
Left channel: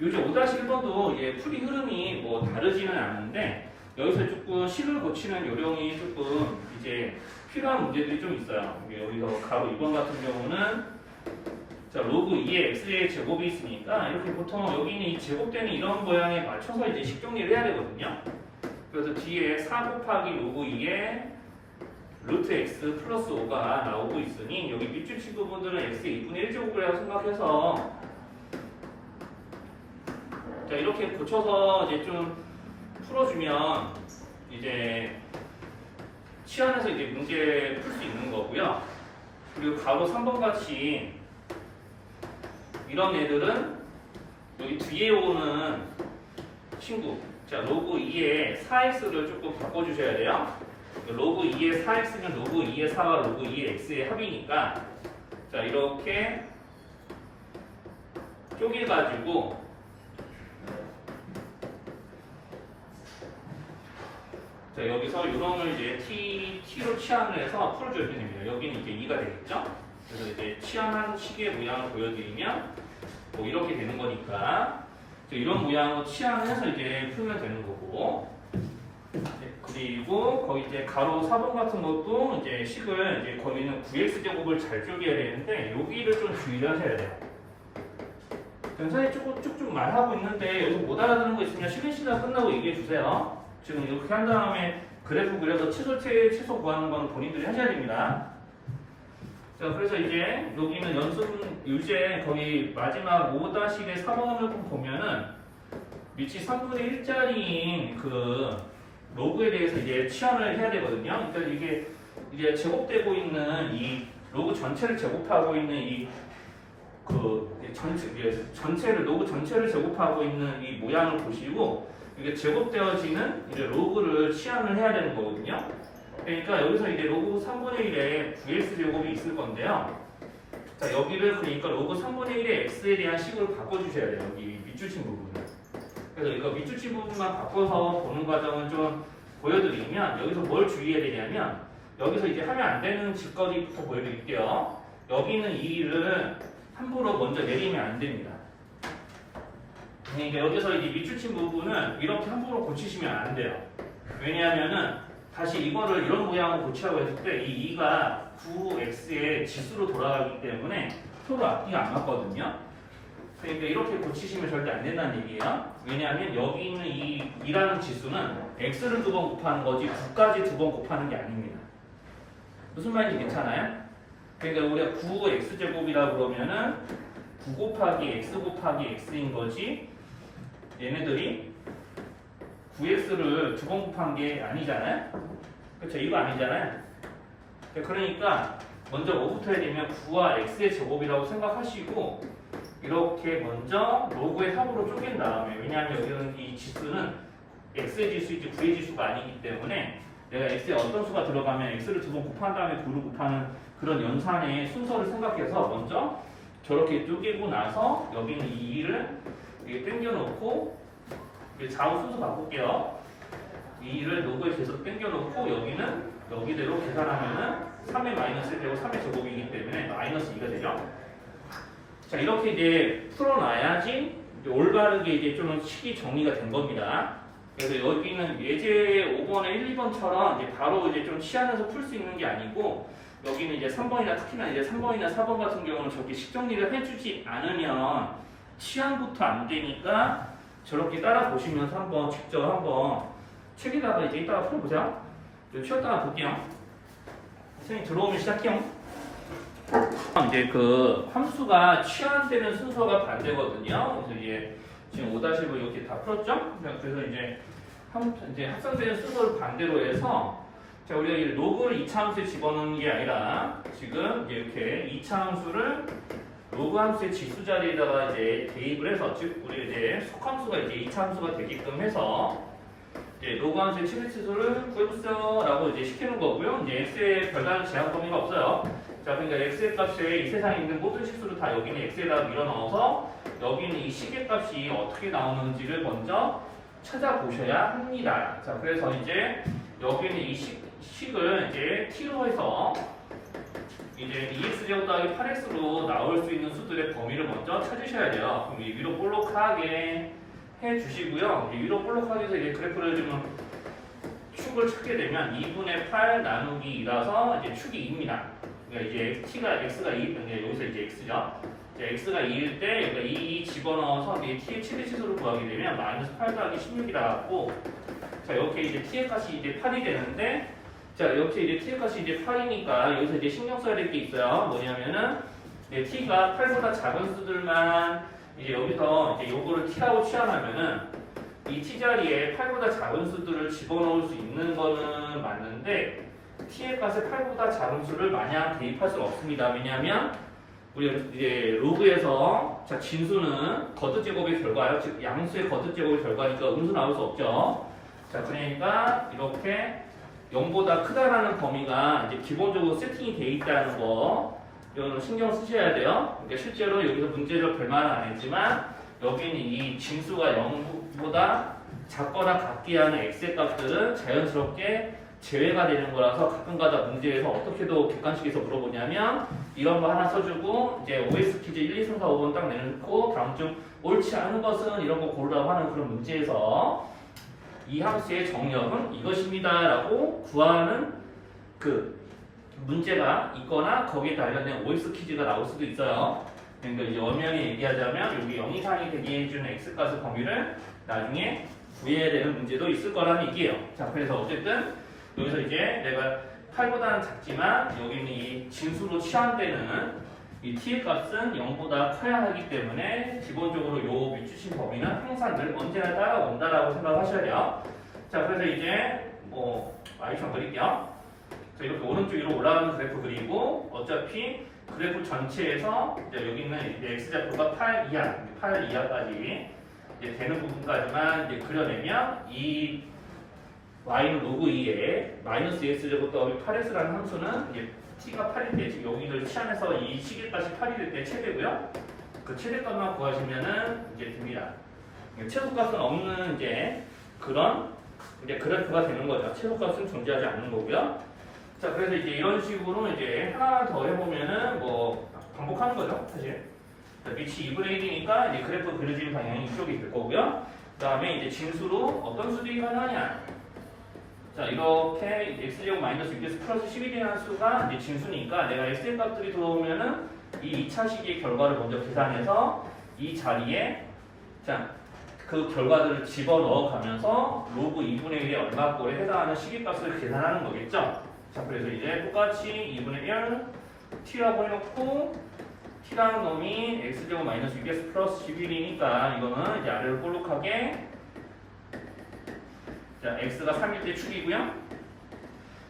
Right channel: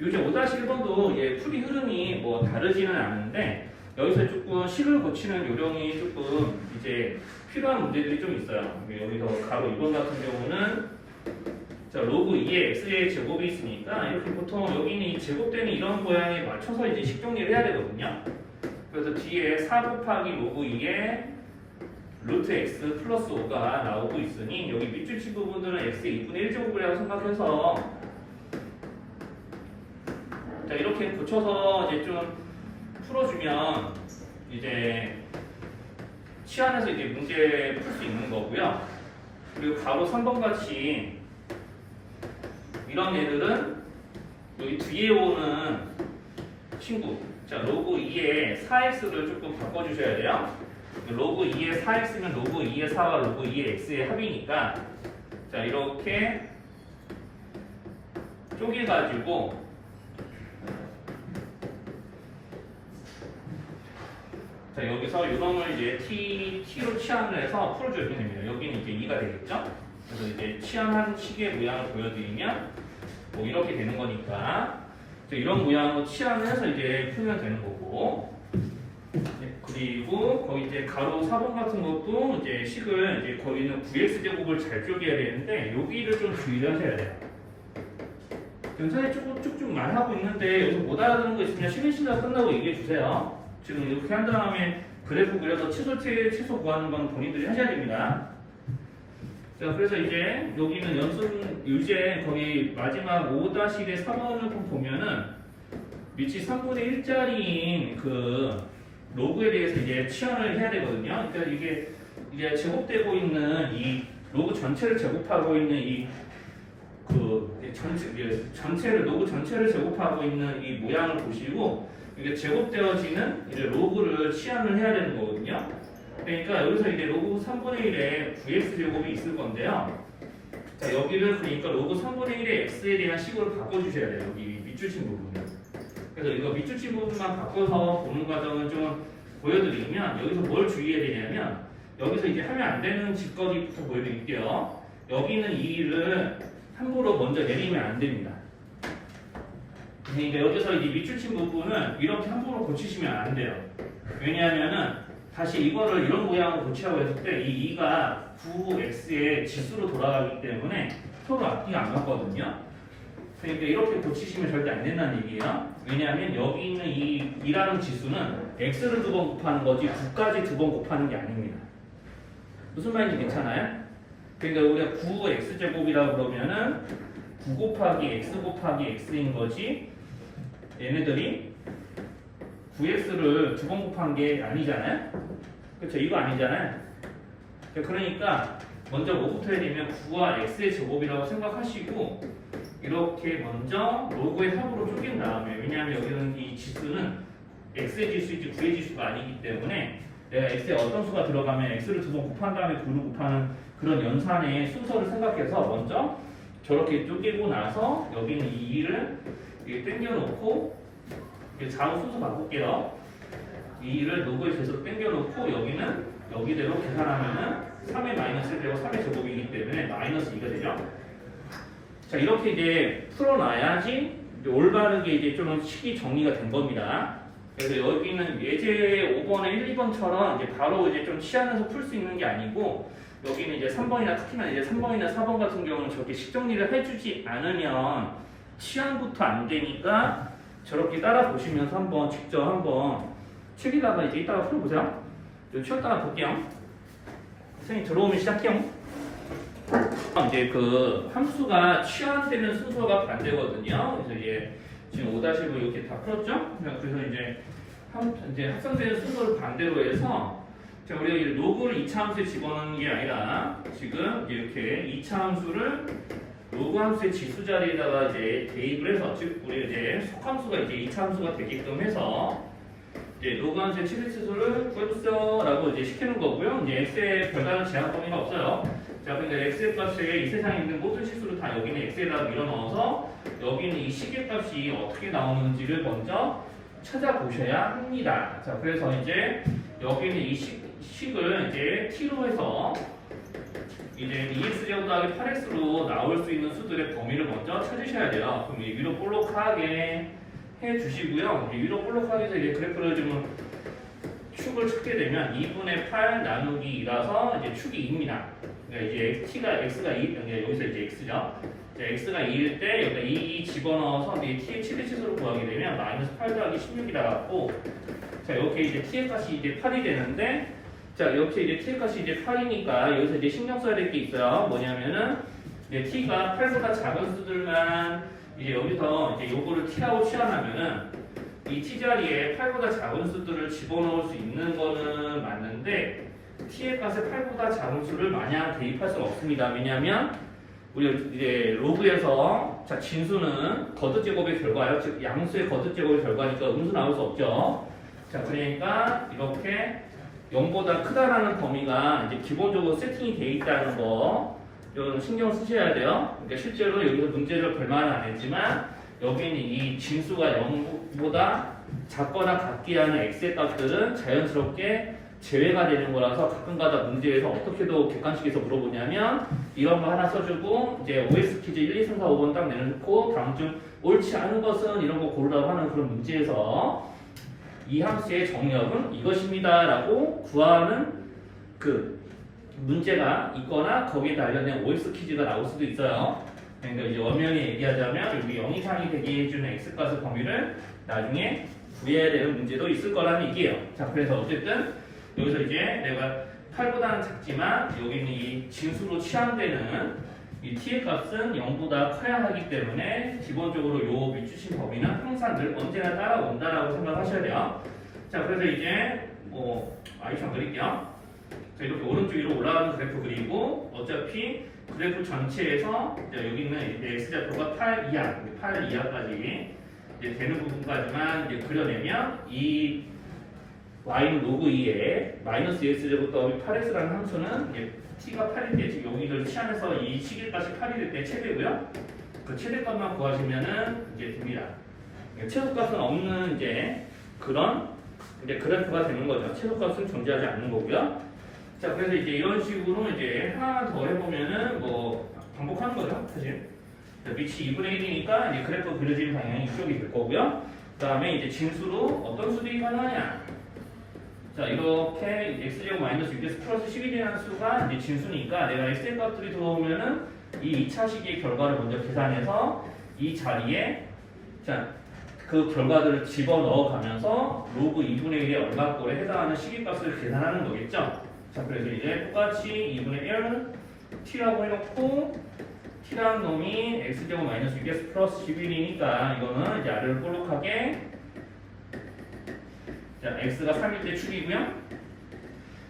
요즘 5-1번도 예, 풀이 흐름이 뭐 다르지는 않은데 여기서 조금 식을 고치는 요령이 조금 이제 필요한 문제들이 좀 있어요. 여기서 가로 2번 같은 경우는 자 로그 2의 x의 제곱이 있으니까 이렇게 보통 여기는 이 제곱되는 이런 모양에 맞춰서 이제 식정리를 해야 되거든요. 그래서 뒤에 4 곱하기 로그 2의 루트 x 플러스 5가 나오고 있으니 여기 밑줄치 부분들은 x의 2분의 1제곱이라고 생각해서 자 이렇게 고쳐서 이제 좀 풀어주면 이제 치환해서 이제 문제 풀 수 있는 거고요. 그리고 가로 3번 같이 이런 애들은 여기 뒤에 오는 친구 자 로그 2의 4x를 조금 바꿔주셔야 돼요. 로그 2의 4x면 로그 2의 4와 로그 2의 x의 합이니까 자 이렇게 쪼개가지고 자 여기서 요놈을 이제 t로 치환을 해서 풀어주시면 됩니다. 여기는 이제 2가 되겠죠? 그래서 이제 치환한 식의 모양을 보여드리면 뭐 이렇게 되는 거니까 이런 모양으로 치환을 해서 이제 풀면 되는 거고 네, 그리고 거기 이제 가로 4번 같은 것도 이제 식을 이제 거기는 9x 제곱을 잘 쪼개야 되는데 여기를 좀 주의를 하셔야 돼요. 선생님 쭉쭉 말하고 있는데 여기서 못 알아듣는 거 있으면 쉬는 시간 끝나고 얘기해 주세요. 지금 이렇게 한 다음에 그래프 그려서 최소 구하는 건 본인들이 하셔야 됩니다. 자, 그래서 이제 여기는 연습 유제 거기 마지막 5-1의 3번을 좀 보면은 위치 3분의 1짜리인 그 로그에 대해서 이제 치환을 해야 되거든요. 그러니까 이게 제곱되고 있는 이 로그 전체를 제곱하고 있는 이 그 전체를 로그 전체를 제곱하고 있는 이 모양을 보시고 이게 제곱되어지는 이제 로그를 치환을 해야 되는 거거든요. 그러니까 여기서 이제 로그 3분의 1에 9x 제곱이 있을 건데요. 자 여기를 그러니까 로그 3분의 1의 x에 대한 식으로 바꿔주셔야 돼요. 여기 밑줄친 부분을. 그래서 이거 밑줄친 부분만 바꿔서 보는 과정을 좀 보여드리면 여기서 뭘 주의해야 되냐면 여기서 이제 하면 안 되는 짓거리부터 보여드릴게요. 여기는 이 일을 함부로 먼저 내리면 안 됩니다. 그러니까 여기서 이제 밑줄친 부분은 이렇게 함부로 고치시면 안 돼요. 왜냐하면은 다시 이거를 이런 모양으로 고치라고 했을 때 이 2가 9x의 지수로 돌아가기 때문에 서로 앞뒤가 안 맞거든요. 그러니까 이렇게 고치시면 절대 안 된다는 얘기예요. 왜냐하면 여기 있는 이 2라는 지수는 x를 2번 곱하는 거지 9까지 2번 곱하는 게 아닙니다. 무슨 말인지 괜찮아요? 그러니까 우리가 9x제곱이라고 그러면은 9 곱하기 x 곱하기 x인 거지 얘네들이 9x를 2번 곱한 게 아니잖아요? 그렇죠? 이거 아니잖아요? 그러니까 먼저 뭐부터 해야 되면 9와 x의 제곱이라고 생각하시고 이렇게 먼저 로그의 합으로 쪼갠 다음에 왜냐하면 여기는 이 지수는 x의 지수이지 9의 지수가 아니기 때문에 내가 x에 어떤 수가 들어가면 x를 2번 곱한 다음에 9를 곱하는 그런 연산의 순서를 생각해서 먼저 저렇게 쪼개고 나서 여기는 이 2를 당겨놓고 좌우 순서 바꿀게요. 이 2를 로그에 계속 당겨놓고 여기는 여기대로 계산하면은 3의 마이너스 되고 3의 제곱이기 때문에 마이너스 2가 되죠. 자 이렇게 이제 풀어놔야지 이제 올바르게 이제 좀 식이 정리가 된 겁니다. 그래서 여기는 예제 5번에 1, 2번처럼 이제 바로 이제 좀 치환해서 풀 수 있는 게 아니고 여기는 이제 3번이나 특히나 이제 3번이나 4번 같은 경우는 저렇게 식정리를 해주지 않으면 치환부터 안 되니까 저렇게 따라 보시면서 한번 직접 한번 책에다가 이제 이따가 풀어보자. 쉬었다가 볼게요. 선생님 들어오면 시작해요. 이제 그 함수가 치환되는 순서가 반대거든요. 그래서 이제 지금 5-5 이렇게 다 풀었죠? 그래서 이제 합성되는 순서를 반대로 해서 자 우리가 이 로그를 2차 함수에 집어넣는 게 아니라 지금 이렇게 2차 함수를 로그 함수의 지수 자리에다가 이제 대입을 해서 즉 우리 이제 속함수가 이제 2차 함수가 되게끔 해서 이제 로그 함수의 최대치수를 구해주세요라고 이제 시키는 거고요. 이제 x의 별다른 제한 범위가 없어요. 자 그러니까 x의 값에 이 세상에 있는 모든 실수를 다 여기는 x에다가 밀어넣어서 여기는 이 식의 값이 어떻게 나오는지를 먼저 찾아보셔야 합니다. 자 그래서 이제 여기는 이 식을 이제 t로 해서 이제 2x제곱 더하기 8x로 나올 수 있는 수들의 범위를 먼저 찾으셔야 돼요. 그럼 이 위로 볼록하게 해주시고요. 이 위로 볼록하게 해서 이제 그래프를 좀 축을 찾게 되면 2분의 8 나누기 2라서 이제 축이 2입니다. 그러니까 이제 x가 2, 그러니까 여기서 이제 x죠. x가 2일 때 여기가 2 집어넣어서 이제 t의 최대 치수를 구하게 되면 마이너스 8 더하기 16이 나왔고, 자 이렇게 이제 t의 값이 이제 8이 되는데, 자 이렇게 이제 t의 값이 이제 8이니까 여기서 이제 신경 써야 될 게 있어요. 뭐냐면은 t가 8보다 작은 수들만 이제 여기서 이제 요거를 t라고 취하면은 이 t 자리에 8보다 작은 수들을 집어넣을 수 있는 거는 맞는데 t의 값에 8보다 작은 수를 마냥 대입할 수는 없습니다. 왜냐하면 우리가 이제 로그에서 자 진수는 거듭제곱의 결과예요. 즉 양수의 거듭제곱의 결과니까 음수 나올 수 없죠. 자 그러니까 이렇게 0보다 크다라는 범위가 이제 기본적으로 세팅이 돼 있다는 거 이건 신경 쓰셔야 돼요. 그러니까 실제로 여기서 문제를 별말은 안 했지만 여기는 이 진수가 0보다 작거나 같게 하는 x의 값들은 자연스럽게 제외가 되는 거라서 가끔가다 문제에서 어떻게도 객관식에서 물어보냐면 이런 거 하나 써주고 이제 OX 퀴즈 1, 2, 3, 4, 5번 딱 내놓고 다음 중 옳지 않은 것은 이런 거 고르라고 하는 그런 문제에서 이 함수의 정역은 이것입니다 라고 구하는 그 문제가 있거나 거기에 관련된 OX 퀴즈가 나올 수도 있어요. 그러니까 이제 원면이 얘기하자면 여기 0 이상이 되게 해주는 x값의 범위를 나중에 구해야 되는 문제도 있을 거라는 얘기예요. 자 그래서 어쨌든 여기서 이제 내가 8보다는 작지만 여기 있는 이 진수로 취한되는 이 t의 값은 0보다 커야 하기 때문에 기본적으로 요 밑주신 범위는 항상 늘 언제나 따라온다라고 생각하셔야 돼요. 자 그래서 이제 뭐 아이션 그릴게요. 자 이렇게 오른쪽 위로 올라가는 그래프 그리고 어차피 그래프 전체에서 이제 여기 있는 이제 x좌표가 8 이하, 8 이하까지 이제 되는 부분까지만 이제 그려내면 이 y는 로그 2에 마이너스 x제곱 더하기 8x라는 함수는 이제 t가 8일 때 지금 여기를 치환해서 이 시계값이 8이 될 때 최대고요. 그 최대값만 구하시면은 이제 됩니다. 최소값은 없는 이제 그런 이제 그래프가 되는 거죠. 최소값은 존재하지 않는 거고요. 자 그래서 이제 이런 식으로 이제 하나 더 해보면은 뭐 반복하는 거죠, 사실. 밑이 2분의 1이니까 이제 그래프 그려지는 방향이 이쪽이 될 거고요. 그 다음에 이제 진수로 어떤 수들이 가능하냐? 자 이렇게 x제곱 마이너스 6x 플러스 11이라는 수가 이제 진수니까 내가 x의 값들이 들어오면은 이 2차 시기의 결과를 먼저 계산해서 이 자리에 자 그 결과들을 집어넣어 가면서 로그 2분의 1에 얼마 꼴에 해당하는 시기값을 계산하는 거겠죠. 자 그래서 이제 똑같이 2분의 1 t라고 해놓고 t라는 놈이 x제곱 마이너스 6x 플러스 11이니까 이거는 이제 아래로 볼록하게 자 x가 3일 때 축이고요.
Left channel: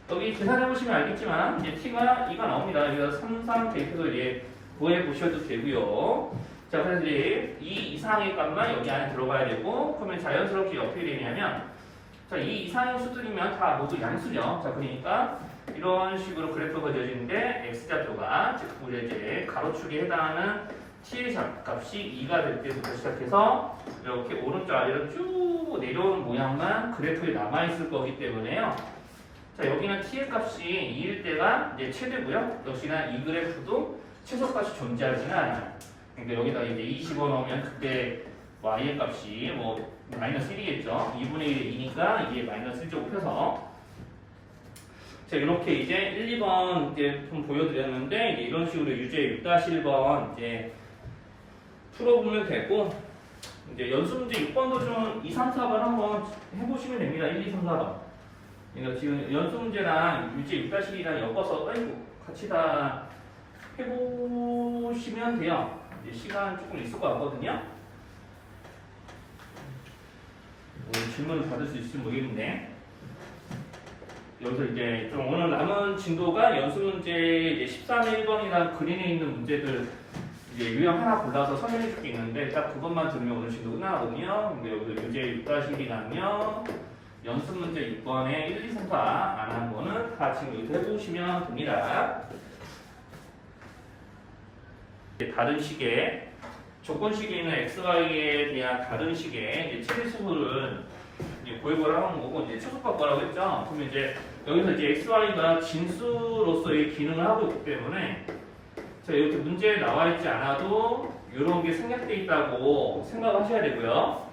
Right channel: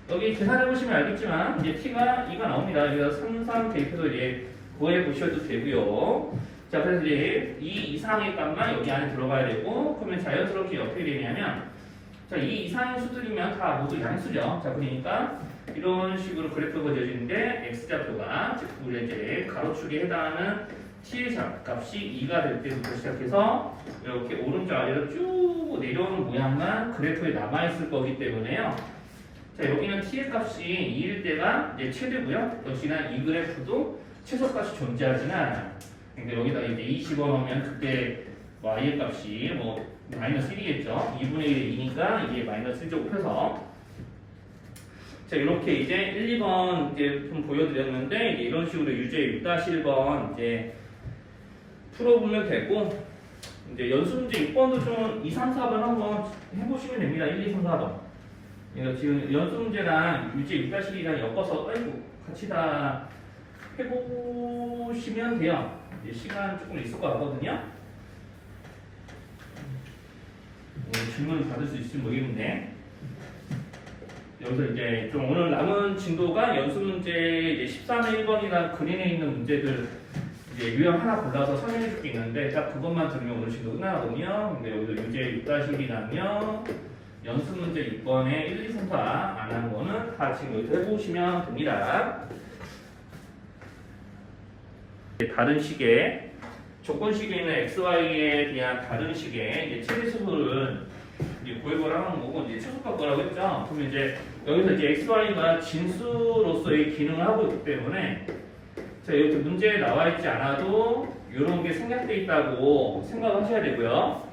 여기 계산해보시면 알겠지만 이제 t가 2가 나옵니다. 여기가 3, 3 대입해서 이제 구해보셔도 되고요. 자 그래서 이제 이 이상의 값만 여기 안에 들어가야 되고 그러면 자연스럽게 어떻게 되냐면 자 이 이상의 수들이면 다 모두 양수죠. 자 그러니까 이런 식으로 그래프가 그려지는데 x좌표가 즉 우리 이제 가로축에 해당하는 t의 값이 2가 될 때부터 시작해서 이렇게 오른쪽 아래로 쭉 내려오는 모양만 그래프에 남아있을 거기 때문에요. 자 여기는 t의 값이 2일 때가 이제 최대고요. 역시나 이 그래프도 최소값이 존재하지는 않아요. 그러니까 여기다 이제 2 집어넣으면 그때 y의 값이 뭐 마이너스 1이겠죠. 2분의 1이 2니까 이게 마이너스 1제곱 펴서 자 이렇게 이제 1, 2번 이제 좀 보여드렸는데 이제 이런 식으로 유제 6-1번 이제 풀어보면 되고 이제 연수 문제 6번도 좀 2, 3, 4번 한번 해보시면 됩니다. 1, 2, 3, 4번. 그러니까 지금 연수 문제랑 유제 6-1이랑 엮어서 아이고 같이 다 해보시면 돼요. 이제 시간 조금 있을 것 같거든요. 질문을 받을 수 있을지 모르겠는데 여기서 이제 좀 오늘 남은 진도가 연수 문제 이제 13의 1번이나 그린에 있는 문제들 이제 유형 하나 골라서 설명해 줄 게 있는데 딱 그것만 들으면 오늘 진도 끝나거든요. 근데 여기서 유제 6-1이랑요 연수 문제 6번에 1, 2, 3, 4 안 한 거는 다 지금 여기서 해보시면 됩니다. 다른 식의 조건 식에 있는 xy에 대한 다른 식의 최대 수를 이제 도입을 하는 거고 이제 최소값 구하라고 했죠. 그러면 이제 여기서 이제 x, y가 진수로서의 기능을 하고 있기 때문에 자 이렇게 문제에 나와 있지 않아도 이런 게 생략돼 있다고 생각하셔야 되고요.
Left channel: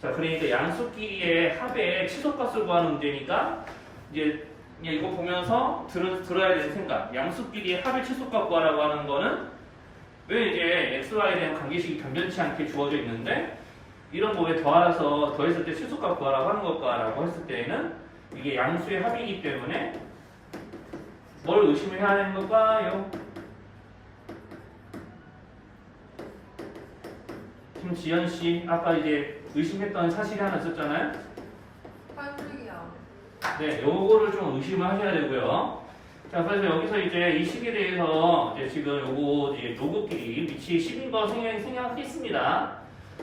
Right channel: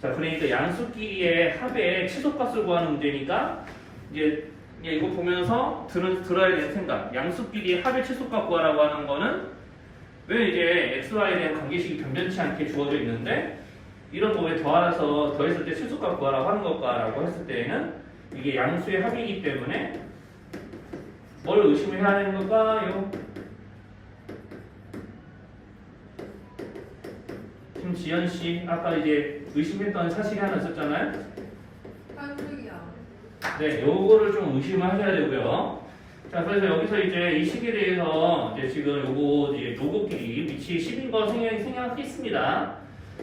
자 그러니까 양수끼리의 합의 최소값을 구하는 문제니까 이제 그냥 이거 보면서 들어야 되는 생각. 양수끼리의 합의 최소값 구하라고 하는 거는 왜 이제 x, y에 대한 관계식이 변변치 않게 주어져 있는데 이런 거 왜 더했을 때 최소값 구하라고 하는 걸까라고 했을 때에는 이게 양수의 합이기 때문에 뭘 의심해야 하는 걸까요? 김지연 씨 아까 이제 의심했던 사실이 하나 있었잖아요. 한국이야. 네, 요거를 좀 의심을 하셔야 되고요. 자, 그래서 여기서 이제 이 식에 대해서 이제 지금 요거 이제 로그끼리 밑이 10인 거 생략했습니다.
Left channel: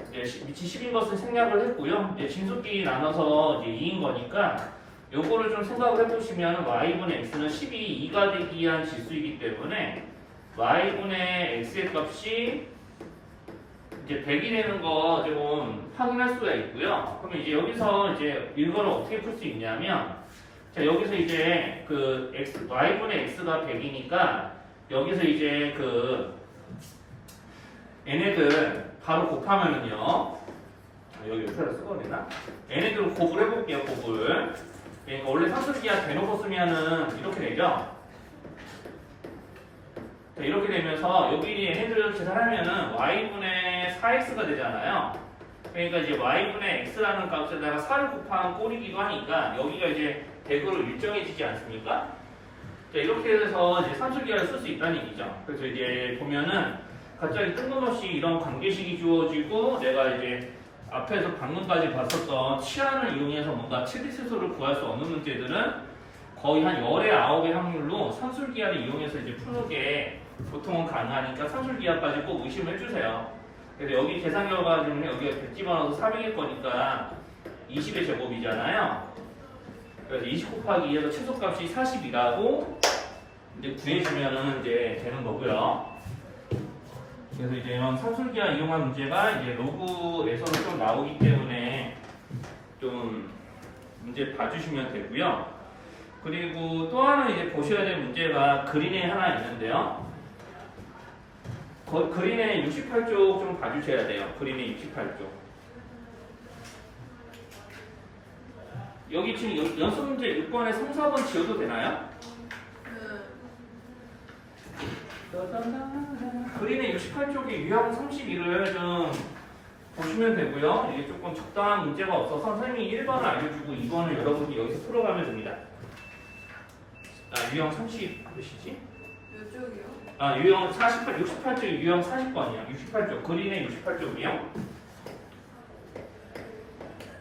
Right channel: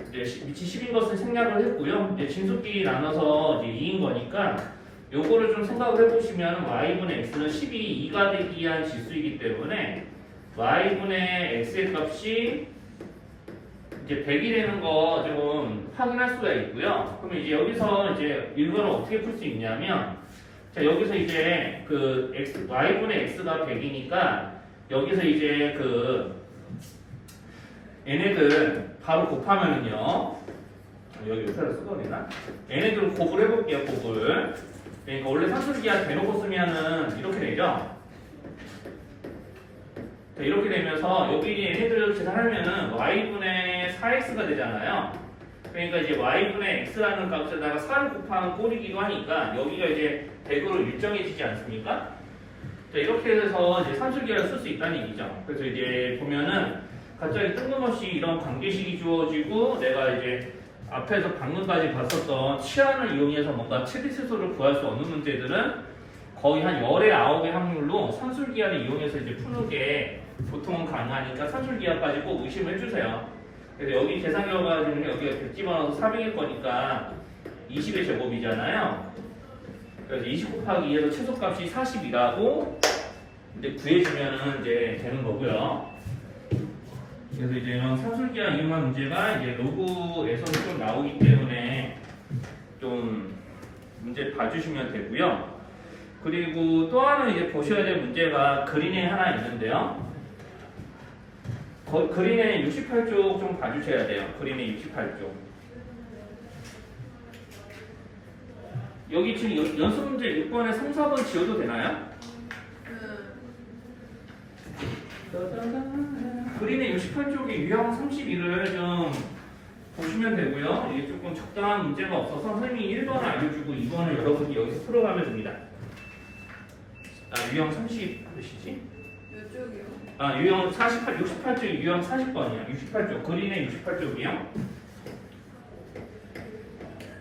이제 밑이 10인 것은 생략을 했고요. 이제 진수끼리 나눠서 이제 2인 거니까 요거를 좀 생각을 해보시면 y분의 x는 2가 되기 위한 지수이기 때문에 y분의 x의 값이 이제 100이 되는 거 좀 확인할 수가 있고요. 그러면 이제 여기서 이제 이거를 어떻게 풀 수 있냐면, 자 여기서 이제 그 y분의 x가 100이니까 여기서 이제 그 얘네들 바로 곱하면은요. 여기 옆에다 쓰고 되나? 얘네들을 곱을 해볼게요. 곱을. 그러니까 원래 산술기하 대놓고 쓰면은 이렇게 되죠. 자, 이렇게 되면서 여기 얘네들을 계산하면은 y분의 4x가 되잖아요. 그러니까 이제 y분의 x라는 값에다가 4를 곱하면 꼴이기도 하니까 여기가 이제 100으로 일정해지지 않습니까? 자, 이렇게 해서 이제 산술기하를 쓸 수 있다는 얘기죠. 그래서 이제 보면은 갑자기 뜬금없이 이런 관계식이 주어지고 내가 이제 앞에서 방금까지 봤었던 치환을 이용해서 뭔가 최대치수를 구할 수 없는 문제들은 거의 한 10의 9의 확률로 산술기하를 이용해서 이제 푸는 게 보통은 가능하니까 산술기하까지 꼭 의심을 해주세요. 그래서 여기 계산 결과 중에 여기가 100 집어넣어서 400일 거니까 20의 제곱이잖아요. 그래서 20 곱하기 2에서 최소값이 40이라고 이제 구해주면은 이제 되는 거고요. 그래서 이제 이런 산술기하 이용한 문제가 이제 로그에서는 좀 나오기 때문에 좀 문제 봐주시면 되고요. 그리고 또 하나 이제 보셔야 될 문제가 그린에 하나 있는데요. 그린의 68쪽 좀 봐주셔야 돼요. 그린의 68쪽. 여기 지금 연습 문제 6번에 3, 4번 지워도 되나요? 그린의 68쪽의 유형 32를 좀 보시면 되고요. 이게 조금 적당한 문제가 없어서 선생님이 1번을 알려주고 2번을 여러분이 여기서 풀어가면 됩니다. 유형 30 몇이지? 이쪽이요? 유형 68쪽 유형 40번이야. 68쪽 그린의 68쪽이요.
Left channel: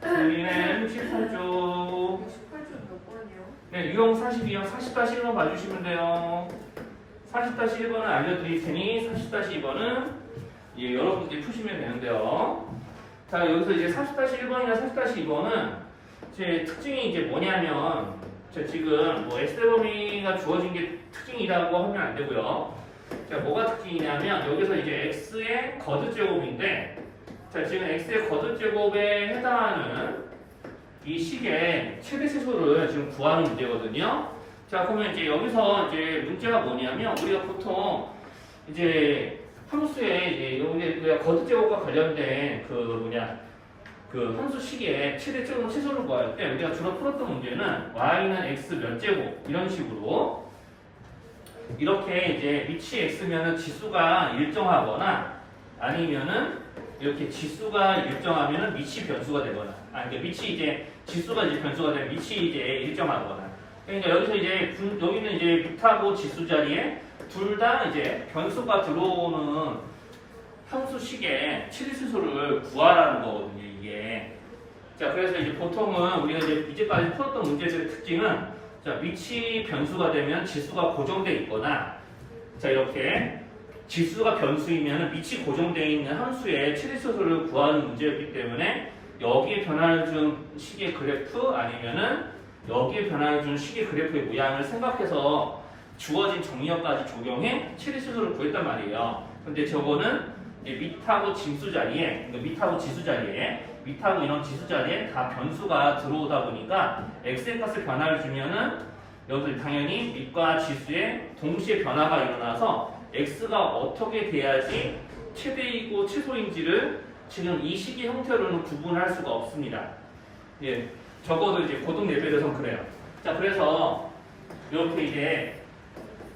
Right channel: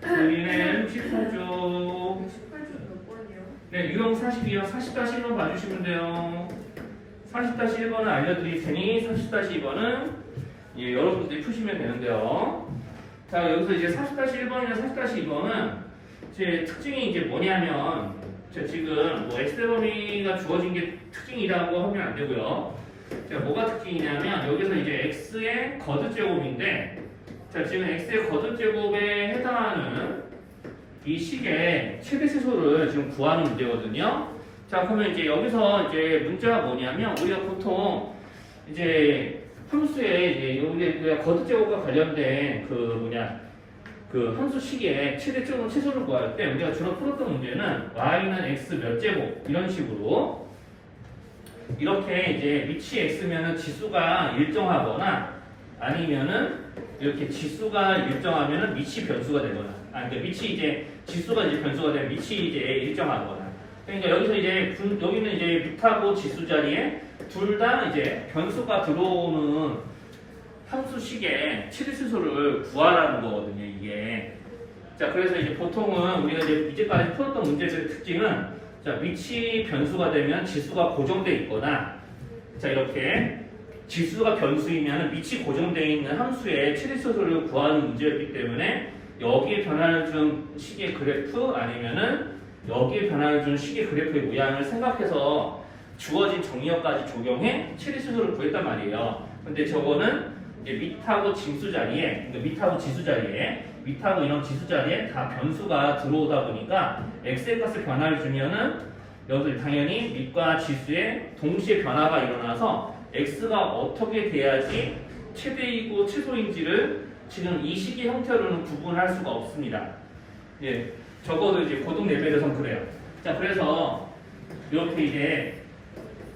그린의 68쪽 68쪽 몇 번이요? 네, 유형 42형 40-1번 봐주시면 돼요. 40-1번을 알려드릴 테니 40-2번은 예, 여러분들이 푸시면 되는데요. 자, 여기서 이제 40-1번이나 40-2번은 제 특징이 이제 뭐냐면, 지금 뭐 X대 범위가 주어진 게 특징이라고 하면 안 되고요. 자, 뭐가 특징이냐면, 여기서 이제 X의 거듭제곱인데, 자, 지금 X의 거듭제곱에 해당하는 이 식의 최대치수를 지금 구하는 문제거든요. 자, 그러면 이제 여기서 이제 문제가 뭐냐면 우리가 보통 이제 함수에 이제 여기 거듭제곱과 관련된 그 함수식의 최소를 구할 때 우리가 주로 풀었던 문제는 y는 x 몇 제곱 이런 식으로 이렇게 이제 밑이 x면은 지수가 일정하거나 아니면은 이렇게 지수가 일정하면은 밑이 변수가 되거나 그러니까 밑이 이제 지수가 이제 변수가 되면 밑이 이제 일정하거나 그러니까 여기서 이제 여기는 이제 밑하고 지수 자리에 둘 다 이제 변수가 들어오는 함수식의 최대치수를 구하라는 거거든요, 이게. 자, 그래서 이제 보통은 우리가 이제 이제까지 풀었던 문제들의 특징은 자, 밑이 변수가 되면 지수가 고정돼 있거나 자, 이렇게 지수가 변수이면 밑이 고정되어 있는 함수의 최대치수를 구하는 문제였기 때문에 여기에 변화를 준 식의 그래프 아니면은 여기에 변화를 준 식의 그래프의 모양을 생각해서 주어진 정리어까지 적용해 최대치수를 구했단 말이에요. 근데 저거는 이제 밑하고 진수 자리에, 그러니까 밑하고 지수 자리에 밑하고 이런 지수 자리에 다 변수가 들어오다 보니까 x의 값을 변화를 주면은 여기서 당연히 밑과 지수에 동시에 변화가 일어나서 x가 어떻게 돼야지 최대이고 최소인지를 지금 이 식의 형태로는 구분할 수가 없습니다. 예, 적어도 이제 고등 레벨에선 그래요. 자, 그래서 이렇게 이제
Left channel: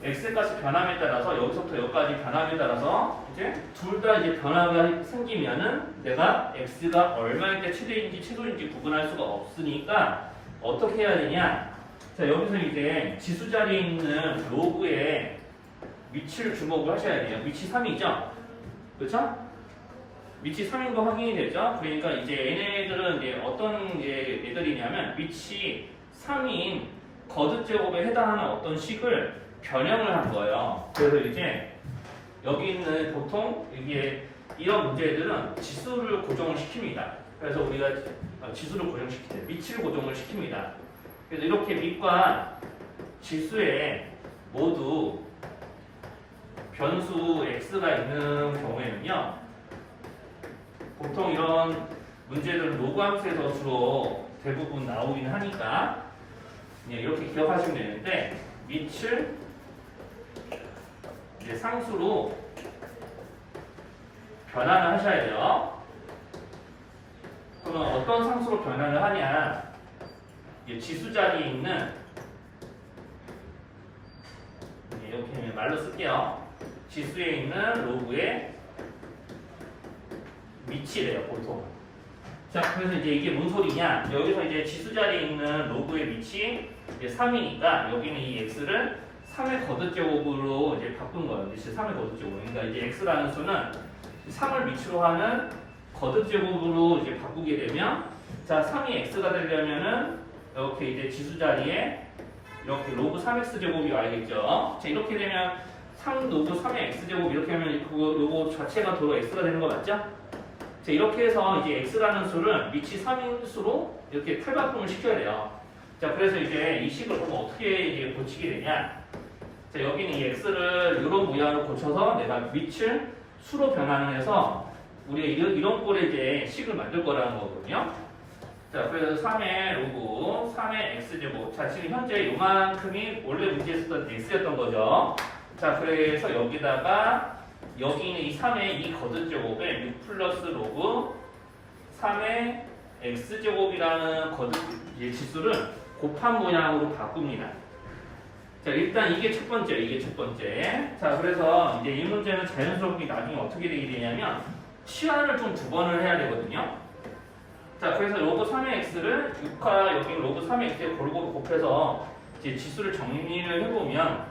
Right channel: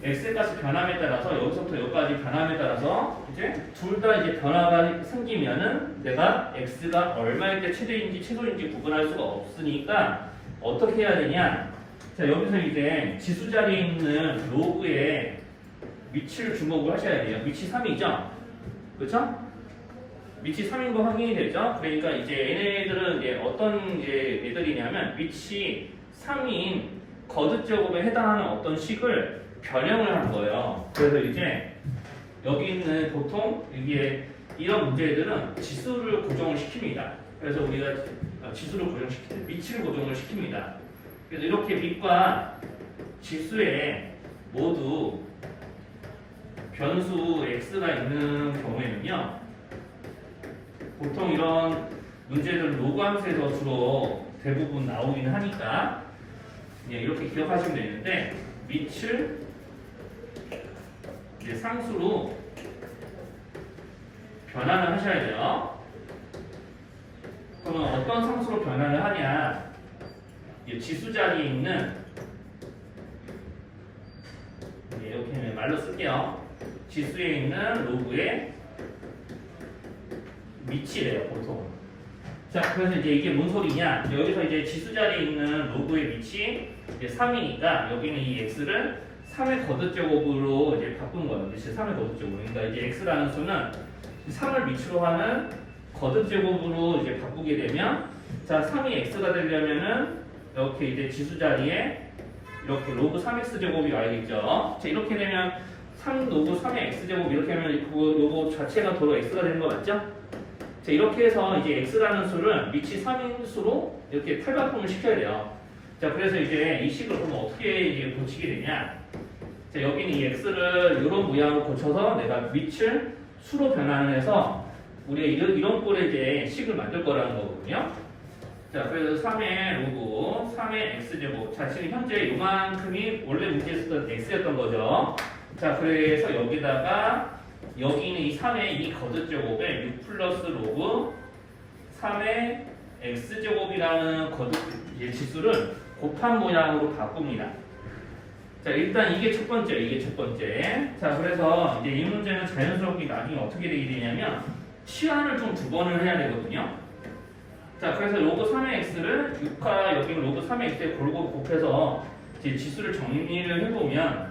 x의 값이 변함에 따라서 여기서부터 여기까지 변함에 따라서 이제 둘 다 이제 변화가 생기면은 내가 x가 얼마일 때 최대인지 최소인지 구분할 수가 없으니까 어떻게 해야 되냐? 자, 여기서 이제 지수 자리에 있는 로그의 위치를 주목을 하셔야 돼요. 위치 3이죠? 그렇죠? 위치 3인 거 확인이 되죠? 그러니까 이제 얘네들은 이제 어떤 이제 애들이냐면 위치 3인 거듭 제곱에 해당하는 어떤 식을 변형을 한 거예요. 그래서 이제 여기 있는 보통 이게 이런 문제들은 지수를 고정을 시킵니다. 그래서 우리가 지수를 고정시킬 때 위치를 고정을 시킵니다. 그래서 이렇게 밑과 지수에 모두 변수 x가 있는 경우에는요, 보통 이런 문제들 로그 함수에서 주로 대부분 나오긴 하니까 이렇게 기억하시면 되는데 밑을 이제 상수로 변환을 하셔야 돼요. 그러면 어떤 상수로 변환을 하냐? 지수 자리에 있는 이렇게 말로 쓸게요. 지수에 있는 로그의 위치래요, 보통. 자, 그래서 이제 이게 뭔 소리냐? 여기서 이제 지수 자리에 있는 로그의 위치 이제 3이니까 여기는 이 x를 3의 거듭제곱으로 이제 바꾼 거예요. 이제 3의 거듭제곱. 그러니까 이제 x라는 수는 3을 위치로 하는 거듭제곱으로 이제 바꾸게 되면, 자, 3이 x가 되려면은 이렇게 이제 지수 자리에 이렇게 로그 3x 제곱이 와야겠죠. 자, 이렇게 되면 3 로그 3의 x 제곱 이렇게 하면 요거 자체가 도로 x가 되는 거 맞죠? 자, 이렇게 해서 이제 x라는 수를 위치 3인 수로 이렇게 탈바꿈을 시켜야 돼요. 자, 그래서 이제 이 식을 그럼 어떻게 이제 고치게 되냐? 자, 여기는 이 x를 이런 모양으로 고쳐서 내가 위치를 수로 변환을 해서 우리가 이런 꼴의 이제 식을 만들 거라는 거거든요. 자, 그래서 3의 로그 3의 x제곱. 자, 지금 현재 요만큼이 원래 문제에 쓰던 x였던 거죠. 자, 그래서 여기다가 여기 있는 이 3의 이 거듭제곱에 6 플러스 로그 3의 x제곱이라는 거듭 지수를 곱한 모양으로 바꿉니다. 자, 일단 이게 첫 번째, 이게 첫 번째. 자, 그래서 이제 이 문제는 자연스럽게 나중에 어떻게 되게 되냐면 치환을 좀 두 번을 해야 되거든요. 자, 그래서 로그 3의 x를 6과 여기 로그 3의 x에 골고루 곱해서 이제 지수를 정리를 해보면,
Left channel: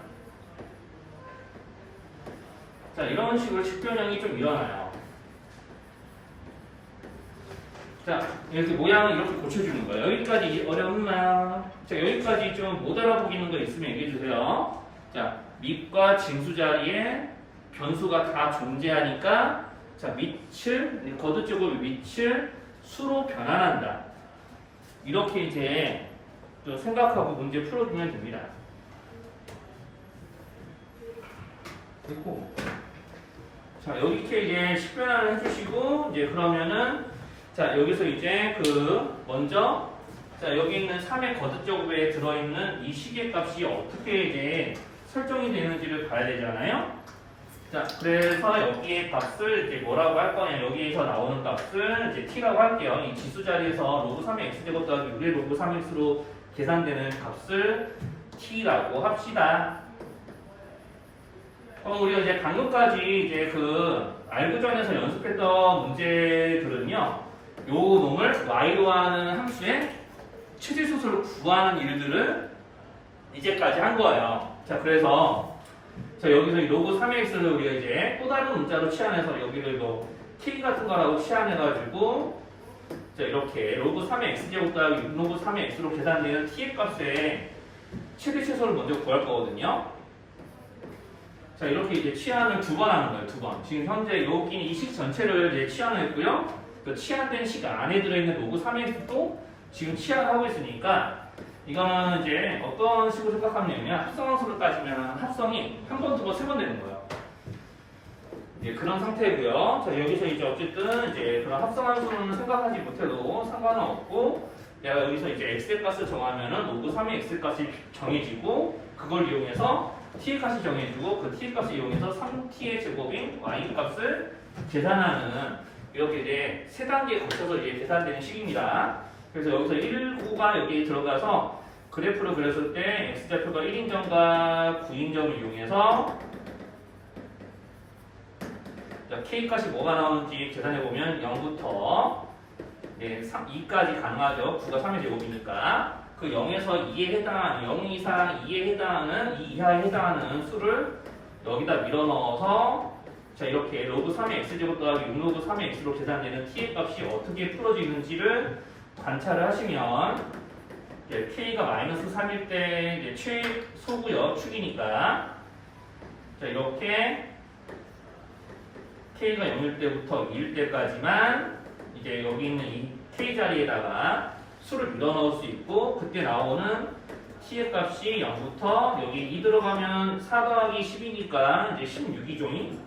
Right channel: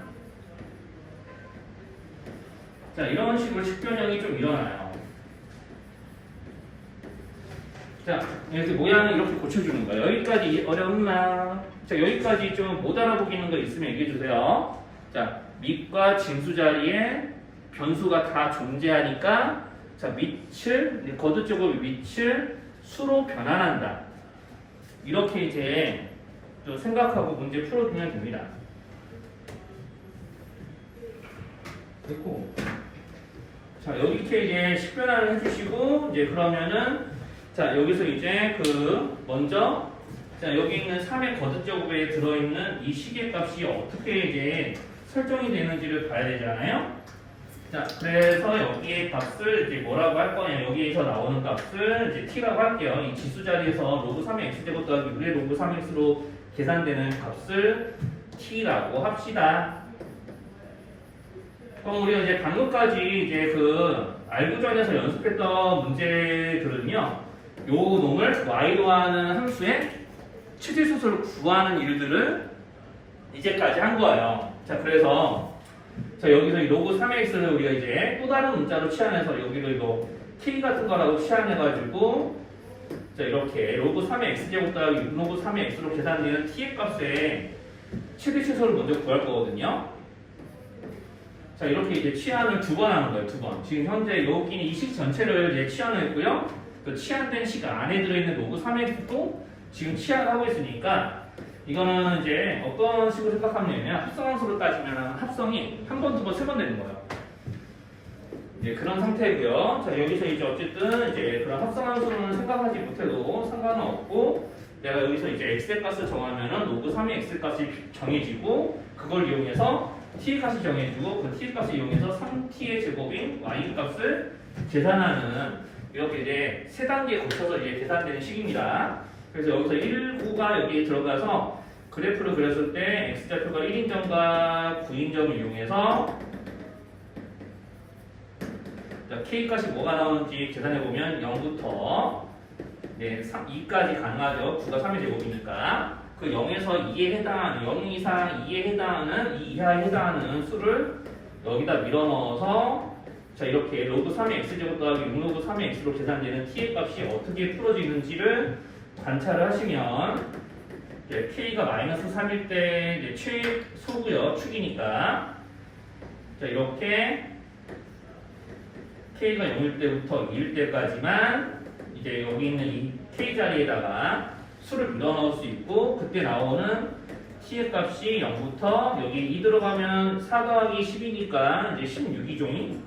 자, 이런 식으로 식변형이 좀 일어나요. 자, 이렇게 모양을 이렇게 고쳐주는 거예요. 여기까지 어렵나? 자, 여기까지 좀 못 알아보기는 거 있으면 얘기해주세요. 자, 밑과 진수 자리에 변수가 다 존재하니까, 자, 밑을, 거듭제곱의 밑을 수로 변환한다. 이렇게 이제 또 생각하고 문제 풀어주면 됩니다. 됐고. 자, 여기게 이제 식변화를 해주시고, 이제 그러면은, 자, 여기서 이제 먼저, 자, 여기 있는 3의 거듭제곱에 들어있는 이 식의 값이 어떻게 이제 설정이 되는지를 봐야 되잖아요. 자, 그래서 여기에 값을 이제 뭐라고 할 거냐, 여기에서 나오는 값을 이제 t라고 할게요. 이 지수 자리에서 로그 3의 x제곱 더하기 6의 로그 3x로 계산되는 값을 t라고 합시다. 그럼 우리가 이제 방금까지 이제 알고전에서 연습했던 문제들은요, 요 놈을 y로 하는 함수의 최대수를 구하는 일들을 이제까지 한 거예요. 자, 그래서 자, 여기서 이 로그 3x를 우리가 이제 또 다른 문자로 치환해서 여기를 뭐 t 같은 거라고 치환해가지고, 자, 이렇게 로그 3의 x제곱 더하기 로그 3의 x로 계산되는 t의 값의 최대 최소를 먼저 구할 거거든요. 자, 이렇게 이제 치환을 두 번 하는 거예요, 두 번. 지금 현재 여기는 이 식 전체를 이제 치환을 했고요. 그 치환된 식 안에 들어있는 로그 3x도 지금 치환을 하고 있으니까, 이거는 이제 어떤 식으로 생각하면 합성함수로 따지면 합성이 한 번, 두 번, 세 번 되는 거예요. 이제 그런 상태고요. 자, 여기서 이제 어쨌든 이제 그런 합성함수는 생각하지 못해도 상관은 없고, 내가 여기서 이제 x의 값을 정하면은 로그 3의 x 값이 정해지고, 그걸 이용해서 t의 값이 정해지고, 그 t의 값을 이용해서 3t의 제곱인 y 값을 계산하는, 이렇게 이제 세 단계에 거쳐서 이제 계산되는 식입니다. 그래서 여기서 1호가 여기에 들어가서 그래프를 그렸을 때 x좌표가 1인점과 9인점을 이용해서 자, K값이 뭐가 나오는지 계산해보면 0부터 2까지 가능하죠. 9가 3의 제곱이니까 그 0에서 2에 해당하는 0 이상 2에 해당하는 2 이하에 해당하는 수를 여기다 밀어넣어서 자 이렇게 로그 3의 x제곱 더하기 6로그 3의 x로 계산되는 t의 값이 어떻게 풀어지는지를 관찰을 하시면 K가 마이너스 3일 때 이제 최소고요. 축이니까 자 이렇게 K가 0일 때부터 2일 때까지만 이제 여기 있는 이 K 자리에다가 수를 밀어넣을 수 있고 그때 나오는 T의 값이 0부터 여기 2 들어가면 4 더하기 10이니까 이제 16이죠.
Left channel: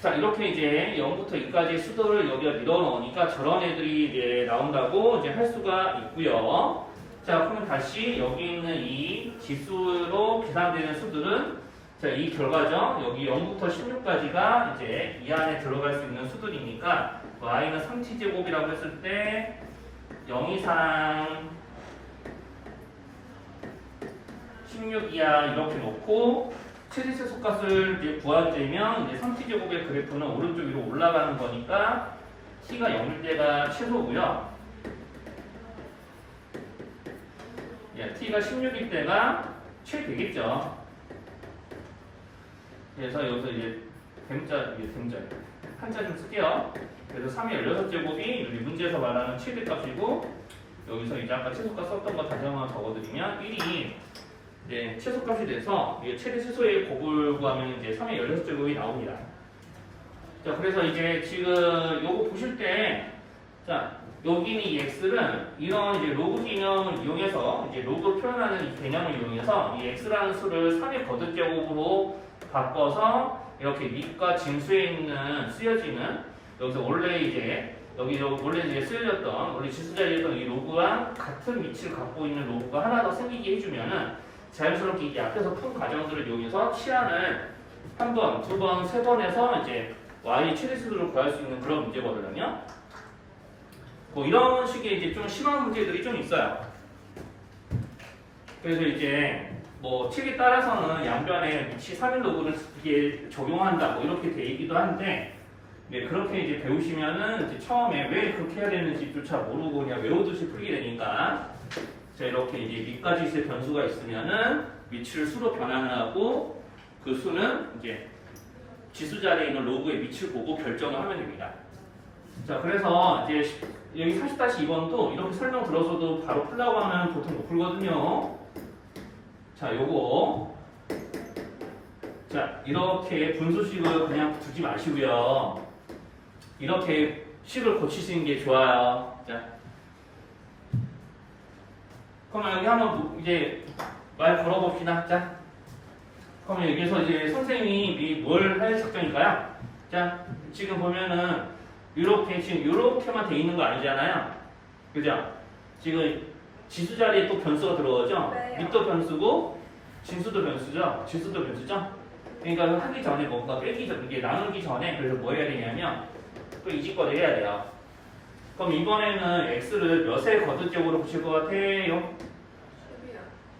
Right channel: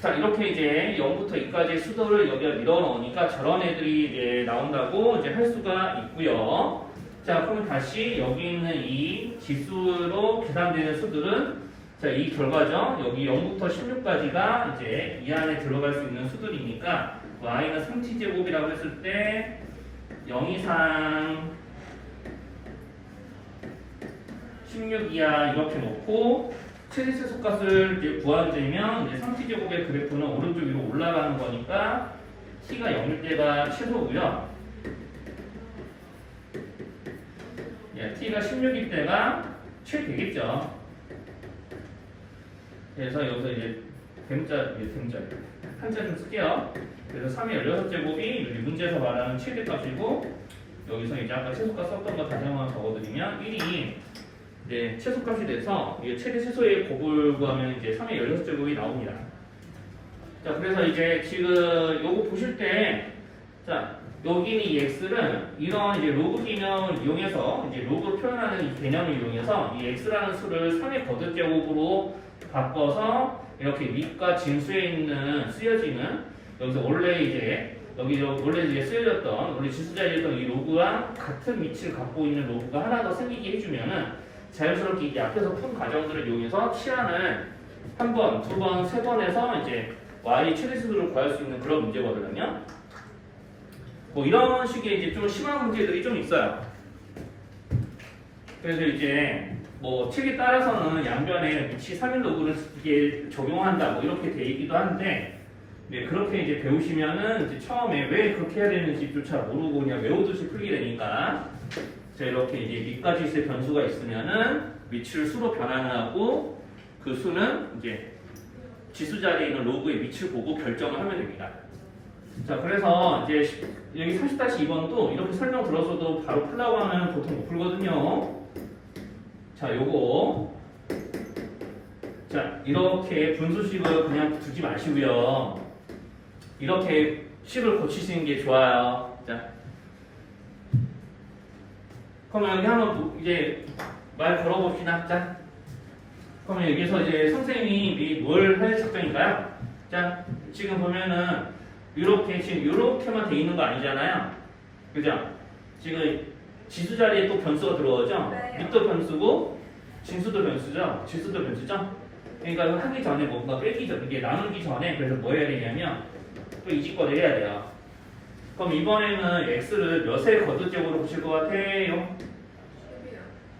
자 이렇게 이제 0부터 2까지의 수들을 여기다 밀어넣으니까 저런 애들이 이제 나온다고 이제 할 수가 있고요. 자 그러면 다시 여기 있는 이 지수로 계산되는 수들은 자, 이 결과죠. 여기 0부터 16까지가 이제 이 안에 들어갈 수 있는 수들이니까 y는 3t제곱이라고 했을 때 0 이상 16 이하 이렇게 놓고 최대최소값을 이제 구하되면 이제 3t제곱의 그래프는 오른쪽 위로 올라가는 거니까 t가 0일 때가 최소고요. 예, t가 16일 때가 최대겠죠. 그래서 여기서 이제 댐자 한자 좀 쓸게요. 그래서 3의 16제곱이 여기 문제에서 말하는 최대값이고 여기서 이제 아까 최소값 썼던 거 다시 한번 적어드리면 1이 이제 최소값이 돼서 이게 최대 최소의 곱을 구하면 이제 3의 16제곱이 나옵니다. 자 그래서 이제 지금 요거 보실 때 자 여기는 이 x는 이런 이제 로그 개념을 이용해서 이제 로그 표현하는 이 개념을 이용해서 이 x라는 수를 3의 거듭제곱으로 바꿔서 이렇게 밑과 진수에 있는 쓰여지는 여기서 원래 이제 여기 원래 이제 쓰여졌던 원래 지수 자리에서 이 로그와 같은 위치를 갖고 있는 로그가 하나 더 생기게 해주면은 자연스럽게 이제 앞에서 푼 과정들을 이용해서 치환을 한 번, 두 번, 세 번 해서 이제 y 최대수를 구할 수 있는 그런 문제거든요. 뭐 이런 식의 이제 좀 심한 문제들이 좀 있어요. 그래서 이제 뭐 책에 따라서는 양변에 위치 3일 로그를 이게 적용한다 뭐 이렇게 돼 있기도 한데 네, 그렇게 이제 배우시면은 이제 처음에 왜 그렇게 해야 되는지조차 모르고 그냥 외우듯이 풀게 되니까 자 이렇게 이제 밑까지 있을 변수가 있으면은 위치를 수로 변환을 하고 그 수는 이제 지수 자리에 있는 로그의 위치를 보고 결정을 하면 됩니다. 자 그래서 이제 여기 40-2번도 이렇게 설명 들어서도 바로 풀라고 하면 보통 못 풀거든요. 자, 요거. 자, 이렇게 분수식을 그냥 두지 마시고요. 이렇게 식을 고치시는 게 좋아요. 자. 그러면 여기 한번 이제 말 걸어봅시다. 자. 그러면 여기서 이제 선생님이 뭘 할 작정일까요? 자, 지금 보면은 이렇게 지금 이렇게만 돼 있는 거 아니잖아요. 그죠? 지금 지수 자리에 또 변수가 들어오죠? 네. 밑도 변수고 진수도 변수죠? 지수도 변수죠? 그러니까 하기 전에 뭔가 빼기 전 이게 나누기 전에 그래서 뭐 해야 되냐면 또 이직거리 해야 돼요. 그럼 이번에는 x를 몇의 거듭제곱으로 보실 것 같아요? 10이요.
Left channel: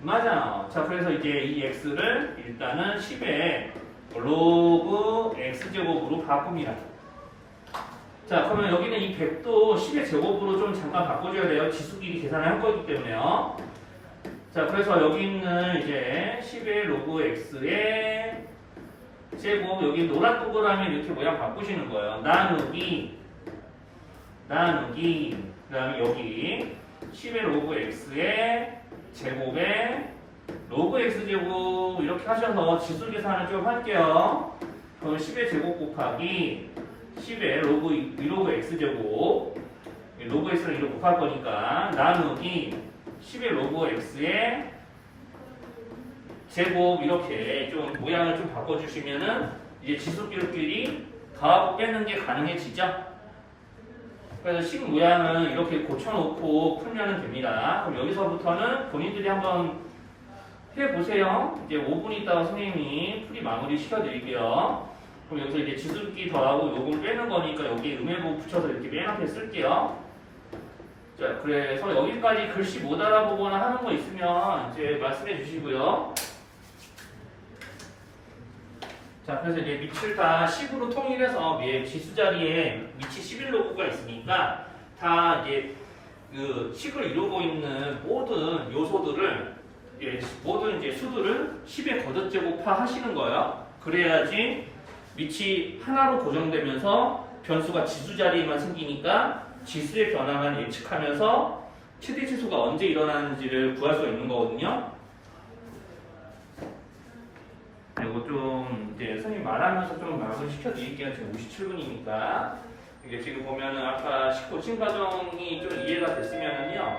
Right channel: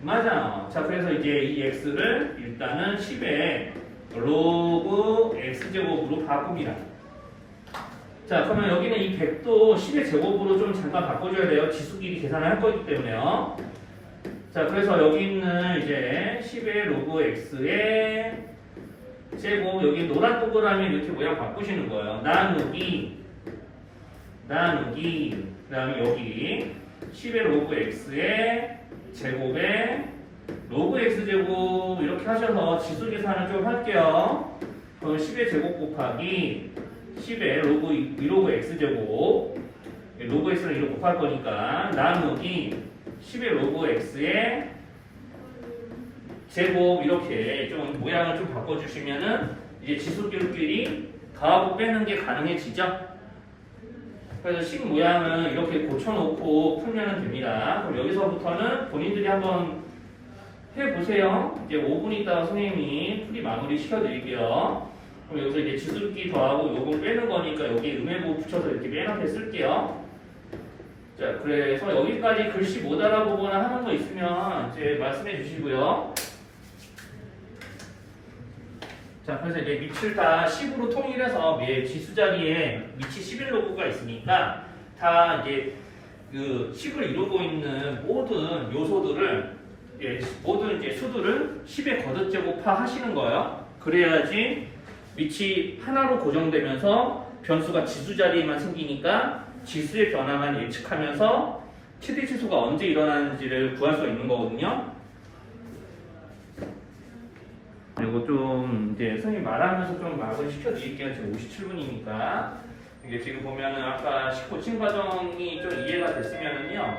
맞아. 자 그래서 이제 이 x를 일단은 10의 로그 x제곱으로 바꿉니다. 자 그러면 여기는 이 100도 10의 제곱으로 좀 잠깐 바꿔줘야 돼요. 지수끼리 계산을 할 거기 때문에요. 자 그래서 여기 있는 이제 10의 로그 x의 제곱 여기 노란 동그라미 이렇게 모양 바꾸시는 거예요. 나누기 그 다음에 여기 10의 로그 x의 제곱에 로그 x제곱 이렇게 하셔서 지수 계산을 좀 할게요. 그럼 10의 제곱 곱하기 10의 로그 2로그 x제곱 로그 x를 2로 곱할 거니까 나누기 10의 로그 x의 제곱 이렇게 좀 모양을 좀 바꿔주시면은 이제 지수끼리 더하고 빼는 게 가능해지죠. 그래서 식 모양을 이렇게 고쳐놓고 풀면 됩니다. 그럼 여기서부터는 본인들이 한번 해보세요. 이제 5분 있다가 선생님이 풀이 마무리 시켜드릴게요. 그럼 여기서 이제 지수끼리 더하고 요걸 빼는 거니까 여기 음해부 붙여서 이렇게 맨 앞에 쓸게요. 자, 그래서 여기까지 글씨 못 알아보거나 하는 거 있으면 이제 말씀해 주시고요. 자, 그래서 이제 밑을 다 10으로 통일해서 지수 자리에 밑이 11로그가 있으니까 다 이제 그 식을 이루고 있는 모든 요소들을 모든 이제 수들을 10의 거듭제곱화 하시는 거예요. 그래야지 밑이 하나로 고정되면서 변수가 지수 자리에만 생기니까 지수의 변화만 예측하면서 최대 치수가 언제 일어나는지를 구할 수 있는 거거든요. 이거 좀 이제 선생님 말하면서 좀 마무리 시켜드릴게요. 지금 57분이니까 이게 지금 보면은 아까 고침 과정이 좀 이해가 됐으면은요.